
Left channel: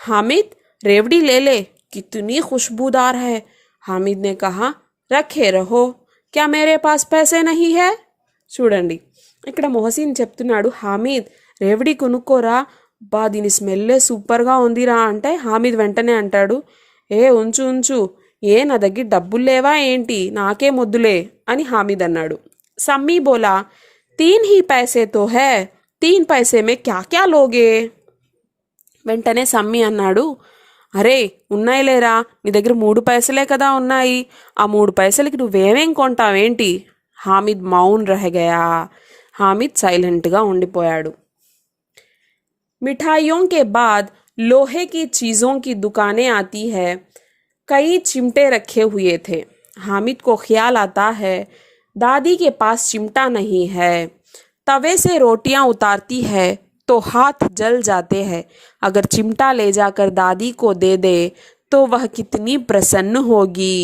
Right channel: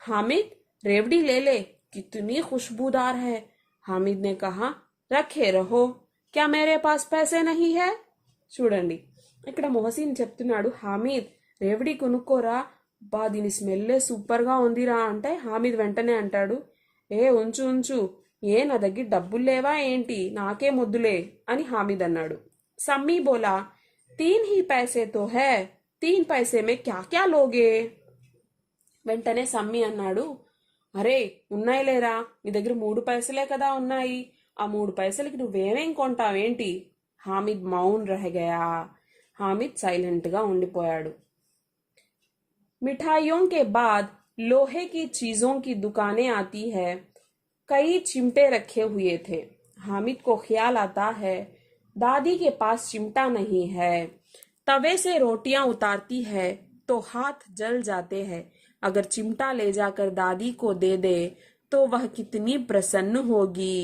హామిద్ रेवड़ी ले ले, कितनी खुशबूदार है. हामिद ने कहा, रखे रहो, क्या मेरे पास पैसे नहीं है. చూడండి, ఇక్కడ మొహసిన్ చెప్తున్నాడు, హామిద్ రేవడి కొనుక్కోరా, బా దీని స్మెల్లే సూపర్గా ఉందిరా అంటే హామిద్ వెంటనే అంటాడు, ఉంచు, నా దగ్గర డబ్బులు లేవా ఏంటి, నాకే మొద్దులే అని హామిద్ అన్నాడు. సమ్మీ బోలా, 3 ही पैसे तो है, 3 पैसे में क्या क्या लोगे. వెంటనే సమ్మి అన్నాడు, అరే ఉన్నాయి లేరా, నీ దగ్గర 3 పైసలే కదా ఉన్నాయి, ఆ 3 పైసలకి నువ్వేమేం కొంటావేంటి? హామిద్ మౌన్ రహగయా. హామిద్ సైలెంట్గా ఉండిపోయాడు. मिठाइयों के बाद लोहे की चीज़ों की दुकानें आती है। कई चिमटे रखे हुए थे। हामिद को ख्याल आता है, दादी के पास चिमटा नहीं है। तवे से रोटियां उतारती है तो हाथ जल जाते हैं। अगर चिमटा ले जाकर दादी को दे दे तो वह कितनी प्रसन्न होगी,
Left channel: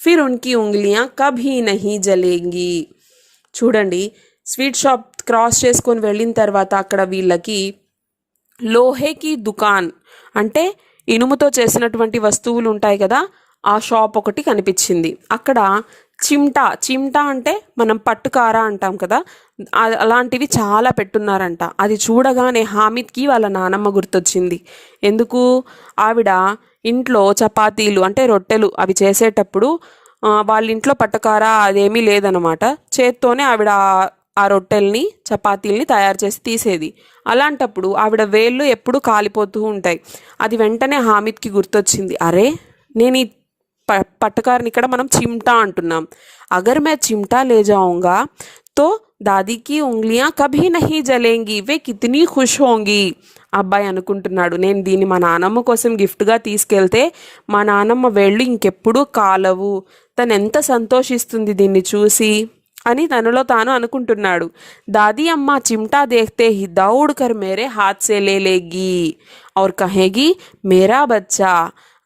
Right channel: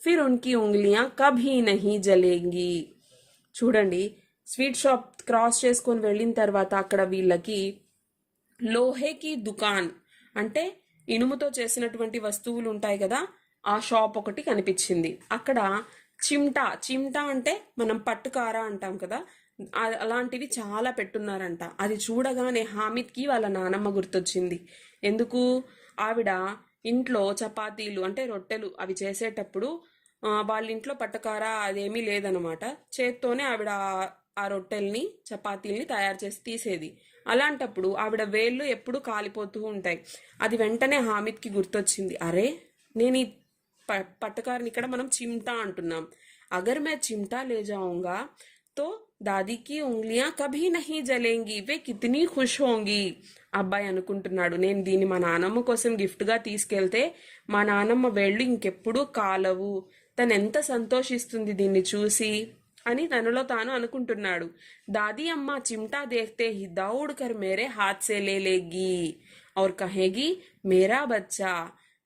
फिर उनकी उंगलियां कभी नहीं जलेंगी. చూడండి, స్వీట్ షాప్ క్రాస్ చేసుకొని వెళ్ళిన తర్వాత అక్కడ వీళ్ళకి లోహేకి దుకాన్ అంటే ఇనుముతో చేసినటువంటి వస్తువులు ఉంటాయి కదా, ఆ షాప్ ఒకటి కనిపించింది. అక్కడ చిమ్టా అంటే మనం పట్టుకార అంటాం కదా, అలాంటివి చాలా పెట్టున్నారంట. అది చూడగానే హామిద్కి వాళ్ళ నానమ్మ గుర్తొచ్చింది. ఎందుకు? ఆవిడ ఇంట్లో చపాతీలు అంటే రొట్టెలు అవి చేసేటప్పుడు వాళ్ళ ఇంట్లో పట్టుకార అదేమీ లేదనమాట. చేత్తోనే ఆవిడ ఆ రొట్టెల్ని చపాతీల్ని తయారు చేసి తీసేది. అలాంటప్పుడు ఆవిడ వేళ్ళు ఎప్పుడు కాలిపోతూ ఉంటాయి. అది వెంటనే హామిద్కి గుర్తొచ్చింది, అరే నేను ఈ పట్టకారని ఇక్కడ మనం చిమ్టా అంటున్నాం, అగర్ మే చిమ్టా లే జాऊंगा तो दादी की उंगलियां कभी नहीं जलेंगी, वे कितनी खुश होंगी. అబ్బాయి అనుకుంటున్నాడు, నేను దీన్ని మా నానమ్మ కోసం గిఫ్ట్గా తీసుకెళ్తే మా నానమ్మ వేళ్ళు ఇంకెప్పుడు కాలవు, తను ఎంత సంతోషిస్తుంది దీన్ని చూసి అని తనలో తాను అనుకుంటున్నాడు. दादी अम्मा चिमटा देखते ही दौड़ कर मेरे हाथ से ले लेगी और कहेगी, मेरा बच्चा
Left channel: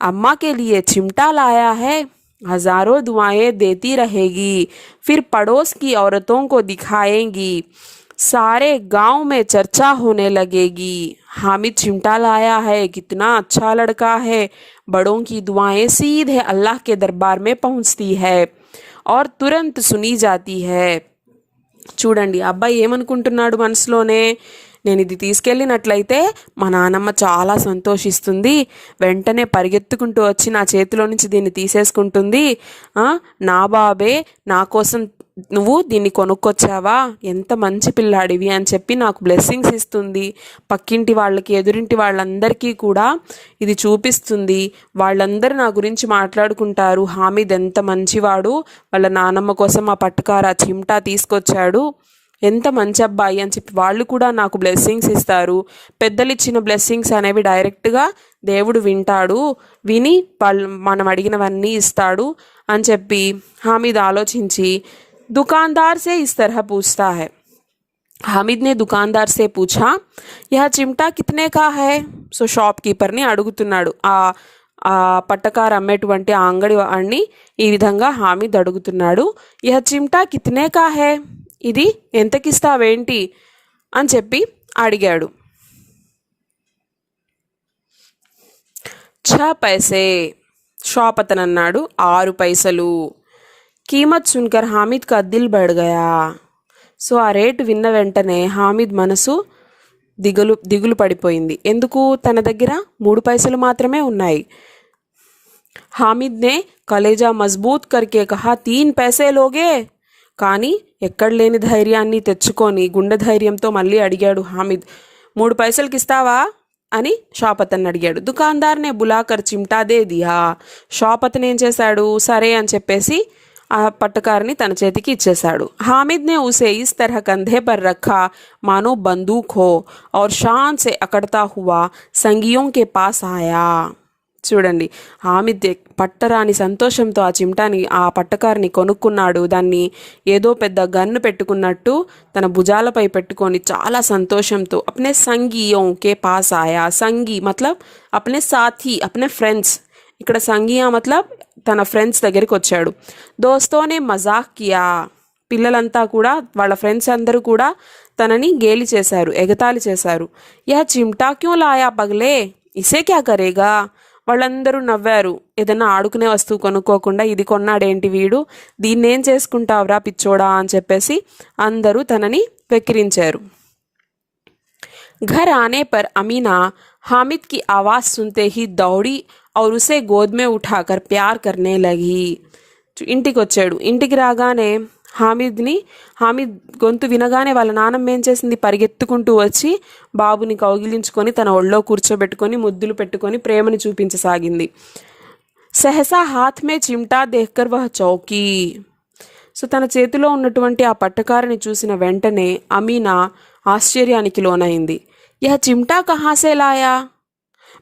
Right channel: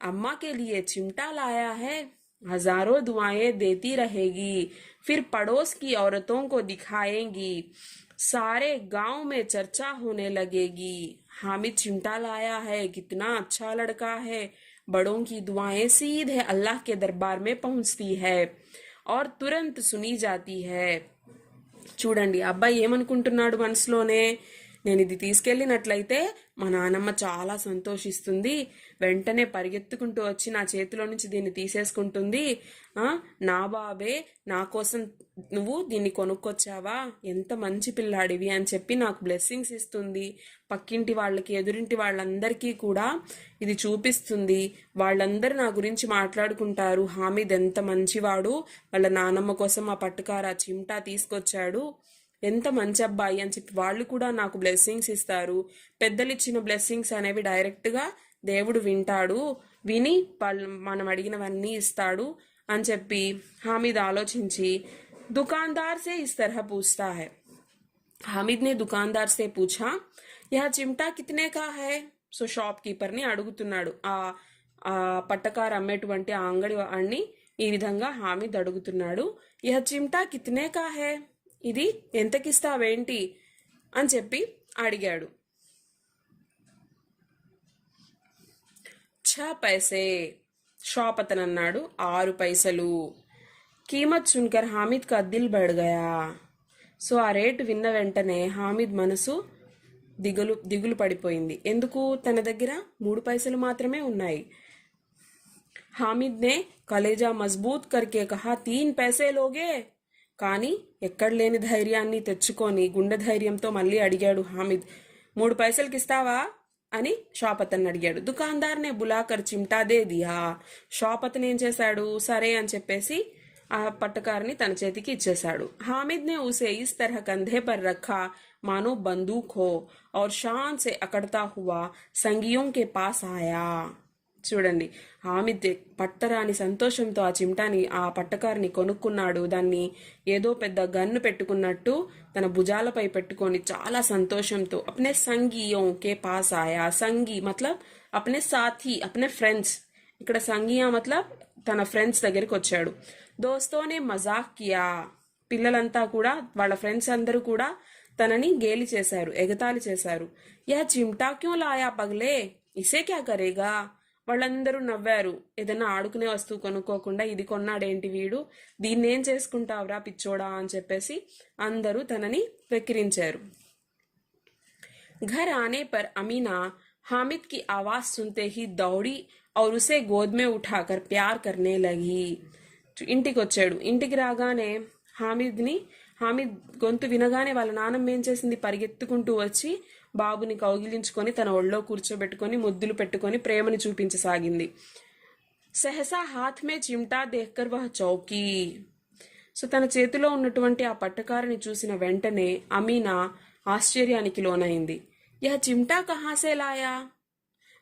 अम्मा के लिए चिमटा लाया है. हजारों दुआएं देती रहेगी, फिर पड़ोस की औरतों को दिखाएंगी, सारे गांव में चर्चा होने लगेगी. हामिद चिमटा लाया है, कितना अच्छा लड़का है. बड़ों की दुआएं सीधे अल्लाह के दरबार में पहुंचती है और तुरंत सुनी जाती है. చూడండి, అబ్బాయి ఏమనుకుంటున్నాడు మనసులోనే, నేను ఇది తీసుకెళ్ళినట్లయితే మా నానమ్మ చాలా సంతోషిస్తుంది, వెంటనే పరిగెత్తుకుంటూ వచ్చి నా చేతిలో నుంచి దీన్ని తీసేసుకుంటుంది. నా బాబే నా కోసం నువ్వు దీన్ని కొనుక్కొచ్చావా, ఎంత మంచి పిల్లాడివి అని చెప్పి నాకు బ్లెస్సింగ్స్ ఇస్తుంది. పక్కింటి వాళ్ళకి ఎదురింటి వాళ్ళందరికీ కూడా ఇది చూపిస్తుంది. వాళ్ళందరూ నా గురించి మాట్లాడుకుంటారు, హామిద్ ఎంత మంచివాడు, వాళ్ళ నానమ్మ కోసం ఆ పట్టుకార చిమ్టా తీసుకొచ్చాడు, ఎంత మంచి అబ్బాయి అని చెప్పి వాళ్ళు కూడా నాకు బ్లెస్సింగ్స్ ఇస్తారు. పెద్దలు ఇచ్చిన బ్లెస్సింగ్స్ అనేవి డైరెక్ట్గా దేవుడు వింటాడు, విని మనం అడిగినవన్నీ ఇస్తాడు అని చెప్పి హామిద్ ఆలోచించి दुकानदार से इस तरह पूछता है. हामिद ने दुकानदार से पूछा, यह चिमटा कितने का है? సో షాప్కీపర్ని అడుగుతున్నాడు. ఆ పట్టకార అమ్మేటువంటి ఆ అంగడి వాడిని ఈ విధంగా హామిద్ అడుగుతున్నాడు, యహ చిమ్టా కితనే కా హై, ఇది ఎంతకిస్తావేంటి అని చెప్పి అడిగాడు. 6 పైసే, షాప్ అతను అన్నాడు 6 పైసలు. कीमत सुनकर हामिद का दिल बढ़ गया. సో ఆ రేటు విన్న వెంటనే హామిద్ మనసు దిగులు పడిపోయింది. ఎందుకు? తన దగ్గర 3 పైసలు మాత్రమే ఉన్నాయి. హామిద్ నే కలేజా మజ్బూత్ కర్కే కహా 3 పైసే లోగే. కానీ ఎక్కడ లేని ధైర్యాన్ని తెచ్చుకొని గుండె ధైర్యంతో మళ్ళీ అడిగాడు హామిద్, 3 పైసలకి ఇస్తావా అని షాప్ అతన్ని అడిగాడు. దుకాందార్నే బులాకర్ చిమ్టా దే దియా. షాప్ అతను ఏం చేశాడు, సరే అని చెప్పేసి ఆ పట్టకారని తన చేతికి ఇచ్చేశాడు. हामिद ने उसे इस तरह कंधे पर रखा मानो बंदूक हो और शान से अकड़ता हुआ संगियों के पास आया. చూడండి, హామిద్ పట్టరాని సంతోషంతో ఆ చిమ్టాని ఆ పట్టకారిని కొనుక్కున్నాడు. దాన్ని ఏదో పెద్ద గన్ను పెట్టుకున్నట్టు తన భుజాలపై పెట్టుకొని చాలా సంతోషంతో అప్నే సంగియోं के पास आया. సంగి మతలబ్ అప్నే సాథీ, అప్నే ఫ్రెండ్స్. ఇక్కడ సంగియా మతలబ్ తన ఫ్రెండ్స్ దగ్గరికి వచ్చాడు. దోస్తోనే మజాక్ కియా, పిల్లలంతా కూడా వాళ్ళ ఫ్రెండ్స్ అందరూ కూడా తనని గేలి చేశారు, ఎగతాళి చేశారు. యా చిమ్టా క్యూ లాయా పగలే, ఇసే క్యా కరేగా. వాళ్ళందరూ నవ్వారు. ఏదైనా ఆడుకునే వస్తువు కొనుక్కోకుండా ఇది కొన్నాడేంటి వీడు, దీన్నేం చేసుకుంటావురా పిచ్చోడా అని చెప్పేసి అందరూ తనని వెక్కిరించారు. घर आने पर अमीना हामिद की आवाज़ सुनते ही दौड़ी और उसे गोद में उठाकर प्यार करने लगी. ఇంటికి వచ్చాడు. ఇంటికి రాగానే హామిద్ గొంతు వినగానే వాళ్ళ నాన్నమ్మ ఏం చేసింది, పరిగెత్తుకుంటూ వచ్చి బాబుని కౌగిలించుకొని తన ఒళ్ళో కూర్చోబెట్టుకొని ముద్దులు పెట్టుకొని ప్రేమని చూపించసాగింది. సహసా హాత్ మే చిమ్టా దేఖ్కర్ వహ్ చౌకీ. సో తన చేతిలో ఉన్నటువంటి ఆ పట్టకారని చూసిన వెంటనే అమీనా ఆశ్చర్యానికి లోనైంది. యహ చిమ్టా కహాసే లాయా,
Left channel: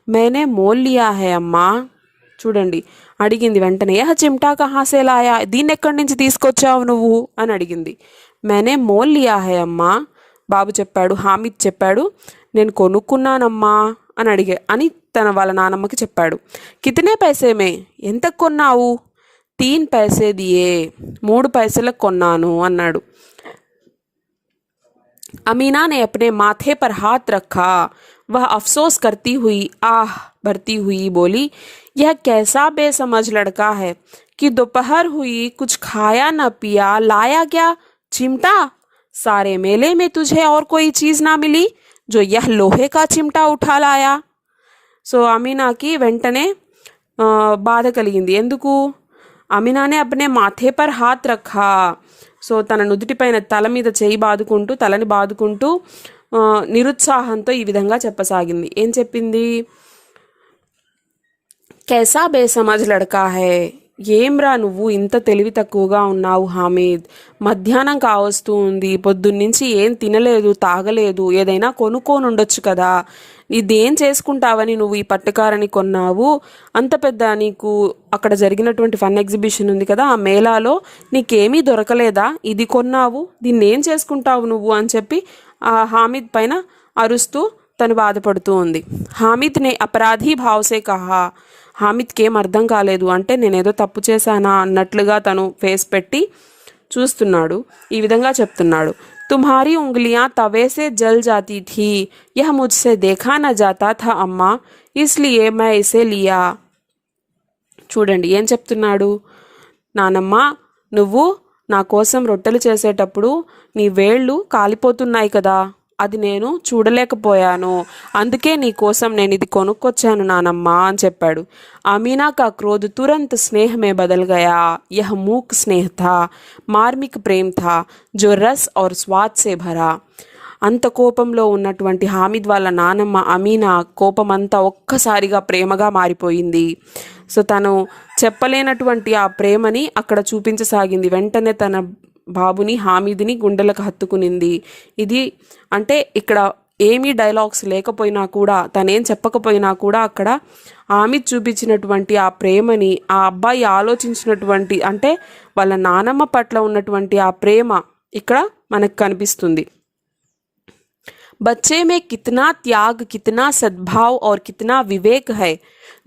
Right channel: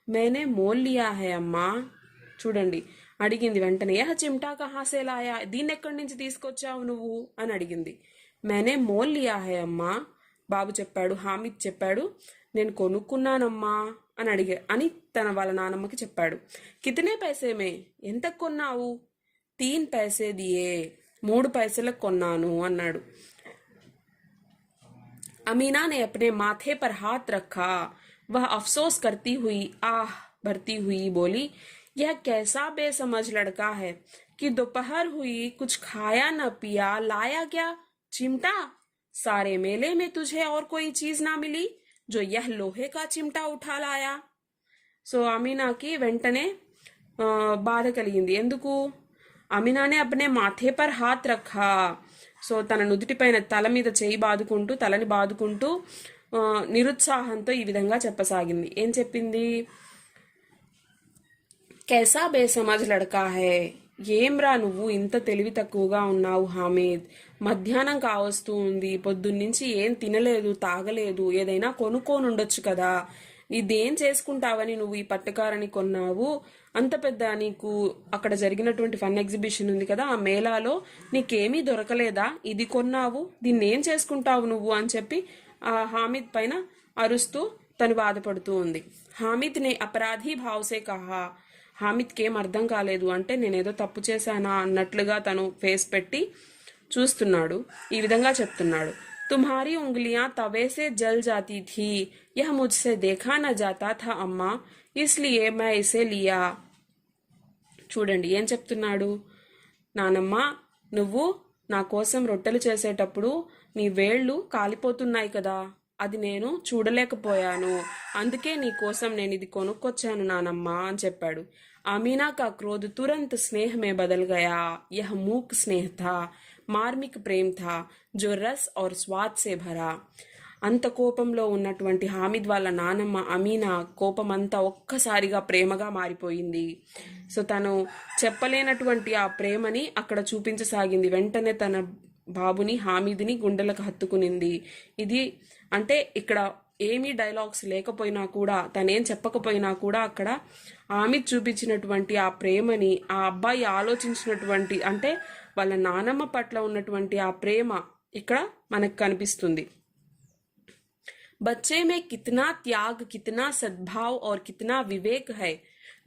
మేనే మోల్ లియా హై అమ్మా. చూడండి, అడిగింది వెంటనే. యహ చిమ్టా కహాసే లాయా, దీన్ని ఎక్కడి నుంచి తీసుకొచ్చావు నువ్వు అని అడిగింది. మేనే మోల్ లియా హై అమ్మా. బాబు చెప్పాడు, హామిద్ చెప్పాడు, నేను కొనుక్కున్నానమ్మా అని వాళ్ళ నానమ్మకి చెప్పాడు. కితనే పైసే మే, ఎంత కొన్నావు? 3 పైసే దియే, 3 పైసలకు కొన్నాను అన్నాడు. अमीना ने अपने माथे पर हाथ रखा. वह अफसोस करती हुई आह भरती हुई बोली, यह कैसा बेसमझ लड़का है कि दोपहर हुई कुछ खाया न पिया, लाया क्या चिमटा? सारे मेले में तुझे और कोई चीज ना मिली जो यह लोहे का चिमटा उठा लाया. సో అమీనాకి వెంటనే బాధ కలిగింది. ఎందుకు? అమీనానే అప్నే మాథే పర్ హాత్ రఖా. సో తన నుదుటిపైన తలని బాదుకుంటూ నిరుత్సాహంతో ఈ విధంగా చెప్పసాగింది. ఏం చెప్పింది? कैसा बेसमझ लड़का है, ఏమ్రా నువ్వు ఇంత తెలివి తక్కువగా ఉన్నావు హామీద్. మధ్యాహ్నం కావస్తూ ఉంది, పొద్దున్నుంచి ఏం తినలేదు, తాగలేదు, ఏదైనా కొనుక్కొని ఉండొచ్చు కదా. ఇదేం చేసుకుంటావని నువ్వు ఈ పట్టుకారని కొన్నావు? అంత పెద్ద నీకు అక్కడ జరిగినటువంటి ఫన్ ఎగ్జిబిషన్ ఉంది కదా, ఆ మేళాలో నీకేమీ దొరకలేదా? ఇది కొన్నావు, దీన్ని ఏం చేసుకుంటావు నువ్వు అని చెప్పి ఆ హామీద్ పైన అరుస్తూ తను బాధపడుతూ ఉంది. హామీద్ నే అపరాధీ భావసే కహా. హామిద్కి ఏం అర్థం కాలేదు, అంటే నేనేదో తప్పు చేశానా అన్నట్లుగా తను ఫేస్ పెట్టి చూస్తున్నాడు. ఈ విధంగా చెప్తున్నాడు. తుమ్హారీ ఉంగలియా తవే సే జల్ జాతీ థీ, యహ ముజ్సే దేఖా న జాతా థా అమ్మా, ఇస్లియే మై ఇసే లియా. చూడండి ఏం చెప్తున్నాడు. నానమ్మ, నువ్వు నా కోసం రొట్టెలు చేసేటప్పుడు నీ వేళ్ళు కాలిపోతున్నాయి కదా, అది నేను చూడలేకపోయాను, అందుకే నీ కోసం నేను ఇది కొనుక్కొచ్చాను నానమ్మ అని చెప్పాడు. అమీనా కా క్రోధ్ తురంత్ స్నేహ మే బదల్ గయా. యహ మూక్ స్నేహ థా, మార్మిక్ ప్రేమ్ థా, జో రస్ ఔర్ స్వాద్ సే భరా. అంత కోపంలో ఉన్నటువంటి హామిద్ వాళ్ళ నానమ్మ అమీనా కోపమంతా ఒక్కసారిగా ప్రేమగా మారిపోయింది. సో తను చెప్పలేనటువంటి ఆ ప్రేమని అక్కడ చూపించసాగింది. వెంటనే తన బాబుని హామీద్ని గుండెలకు హత్తుకునింది. ఇది అంటే ఇక్కడ ఏమీ డైలాగ్స్ లేకపోయినా కూడా, తనేం చెప్పకపోయినా కూడా అక్కడ హామీద్ చూపించినటువంటి ఆ ప్రేమని, ఆ అబ్బాయి ఆలోచించినటువంటి అంటే వాళ్ళ నానమ్మ పట్ల ఉన్నటువంటి ఆ ప్రేమ ఇక్కడ మనకు కనిపిస్తుంది. बच्चे में कितना त्याग, कितना सद्भाव और कितना विवेक है.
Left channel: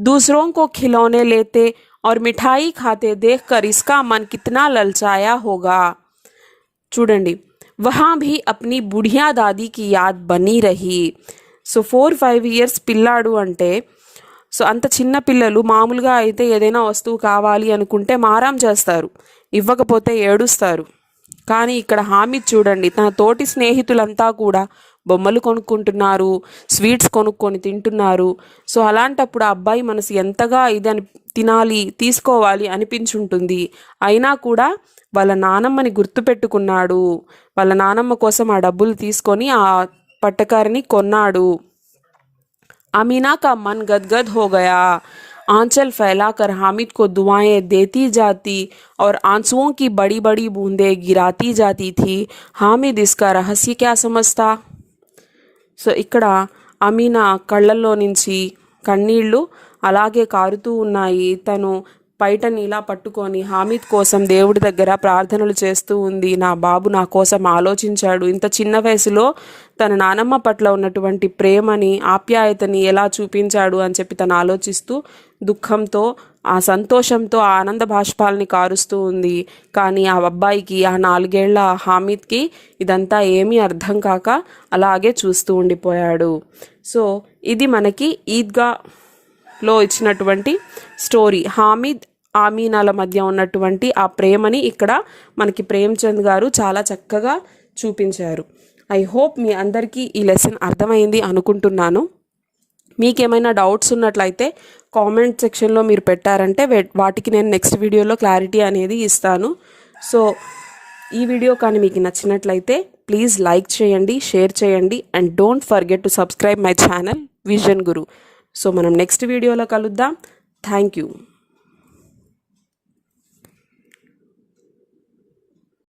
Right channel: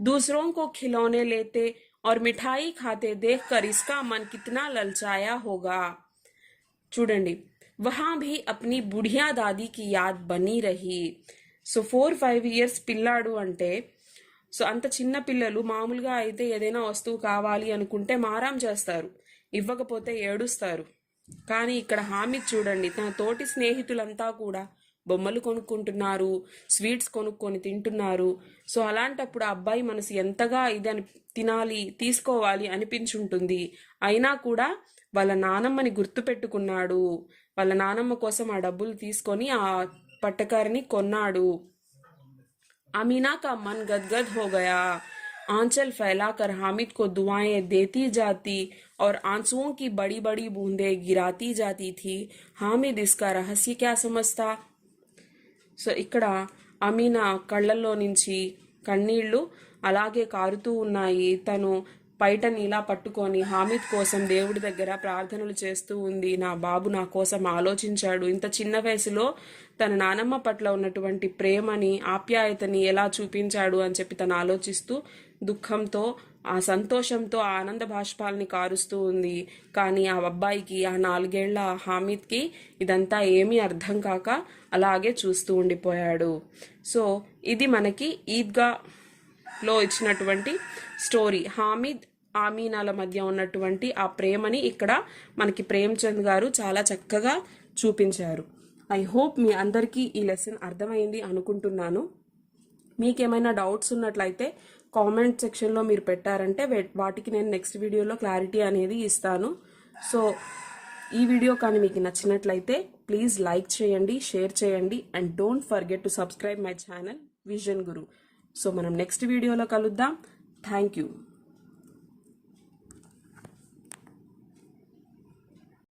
दूसरों को खिलौने लेते और मिठाई खाते देखकर इसका मन कितना ललचाया होगा. చూడండి, वहाँ भी अपनी बुढ़िया दादी की याद बनी रही. సో 4-5 years పిల్లాడు అంటే, సో అంత చిన్న పిల్లలు మామూలుగా అయితే ఏదైనా వస్తువు కావాలి అనుకుంటే మారం చేస్తారు, ఇవ్వకపోతే ఏడుస్తారు. కానీ ఇక్కడ హామీద్ చూడండి, తన తోటి స్నేహితులంతా కూడా బొమ్మలు కొనుక్కుంటున్నారు, స్వీట్స్ కొనుక్కొని తింటున్నారు. సో అలాంటప్పుడు ఆ అబ్బాయి మనసు ఎంతగా ఇదని తినాలి, తీసుకోవాలి అనిపించుంటుంది. అయినా కూడా వాళ్ళ నానమ్మని గుర్తుపెట్టుకున్నాడు. వాళ్ళ నానమ్మ కోసం ఆ డబ్బులు తీసుకొని ఆ పట్టకారిని కొన్నాడు. अमीना का मन गदगद हो गया. आंचल फैलाकर हामिद को दुआएं देती जाती और आंसुओं की बड़ी बड़ी बूंदें गिराती जाती थी. हामिद इसका रहस्य क्या समझता. సో ఇక్కడ అమీనా కళ్ళల్లో నుంచి కన్నీళ్లు అలాగే కారుతూ ఉన్నాయి. తను పైటని ఇలా పట్టుకొని హామిద్ కోసం దేవుడి దగ్గర ప్రార్థనలు చేస్తూ ఉంది. నా బాబు నా కోసం ఆలోచించాడు, ఇంత చిన్న వయసులో తన నానమ్మ పట్ల ఉన్నటువంటి ప్రేమని, ఆప్యాయతని ఎలా చూపించాడు అని చెప్పి తను ఆలోచిస్తూ దుఃఖంతో, ఆ సంతోషంతో ఆ ఆనంద బాష్పాలని కారుస్తూ ఉంది. కానీ ఆ అబ్బాయికి, ఆ 4 ఏళ్ల హామిద్కి ఇదంతా ఏమీ అర్థం కాక అలాగే చూస్తూ ఉండిపోయాడు. సో ఇది మనకి ఈద్గాలో ఇచ్చినటువంటి స్టోరీ. హామిద్ ఆమీనాల మధ్య ఉన్నటువంటి ఆ ప్రేమని ఇక్కడ మనకి ప్రేమ్చంద్ గారు చాలా చక్కగా చూపించారు. ఐ హోప్ మీ అందరికీ ఈ లెసన్ అర్థమైంది అనుకుంటున్నాను. మీకేమైనా డౌట్స్ ఉన్నట్లయితే కామెంట్ సెక్షన్లో మీరు పెట్టారంటే వాటికి నేను నెక్స్ట్ వీడియోలో క్లారిటీ అనేది ఇస్తాను. సో ఈ వీడియో కానీ మీకు నచ్చినట్లయితే ప్లీజ్ లైక్ చేయండి, షేర్ చేయండి and don't forget to subscribe my channel vision Guru. So మనం నెక్స్ట్ వీడియోలో కలుద్దాం. Thank you.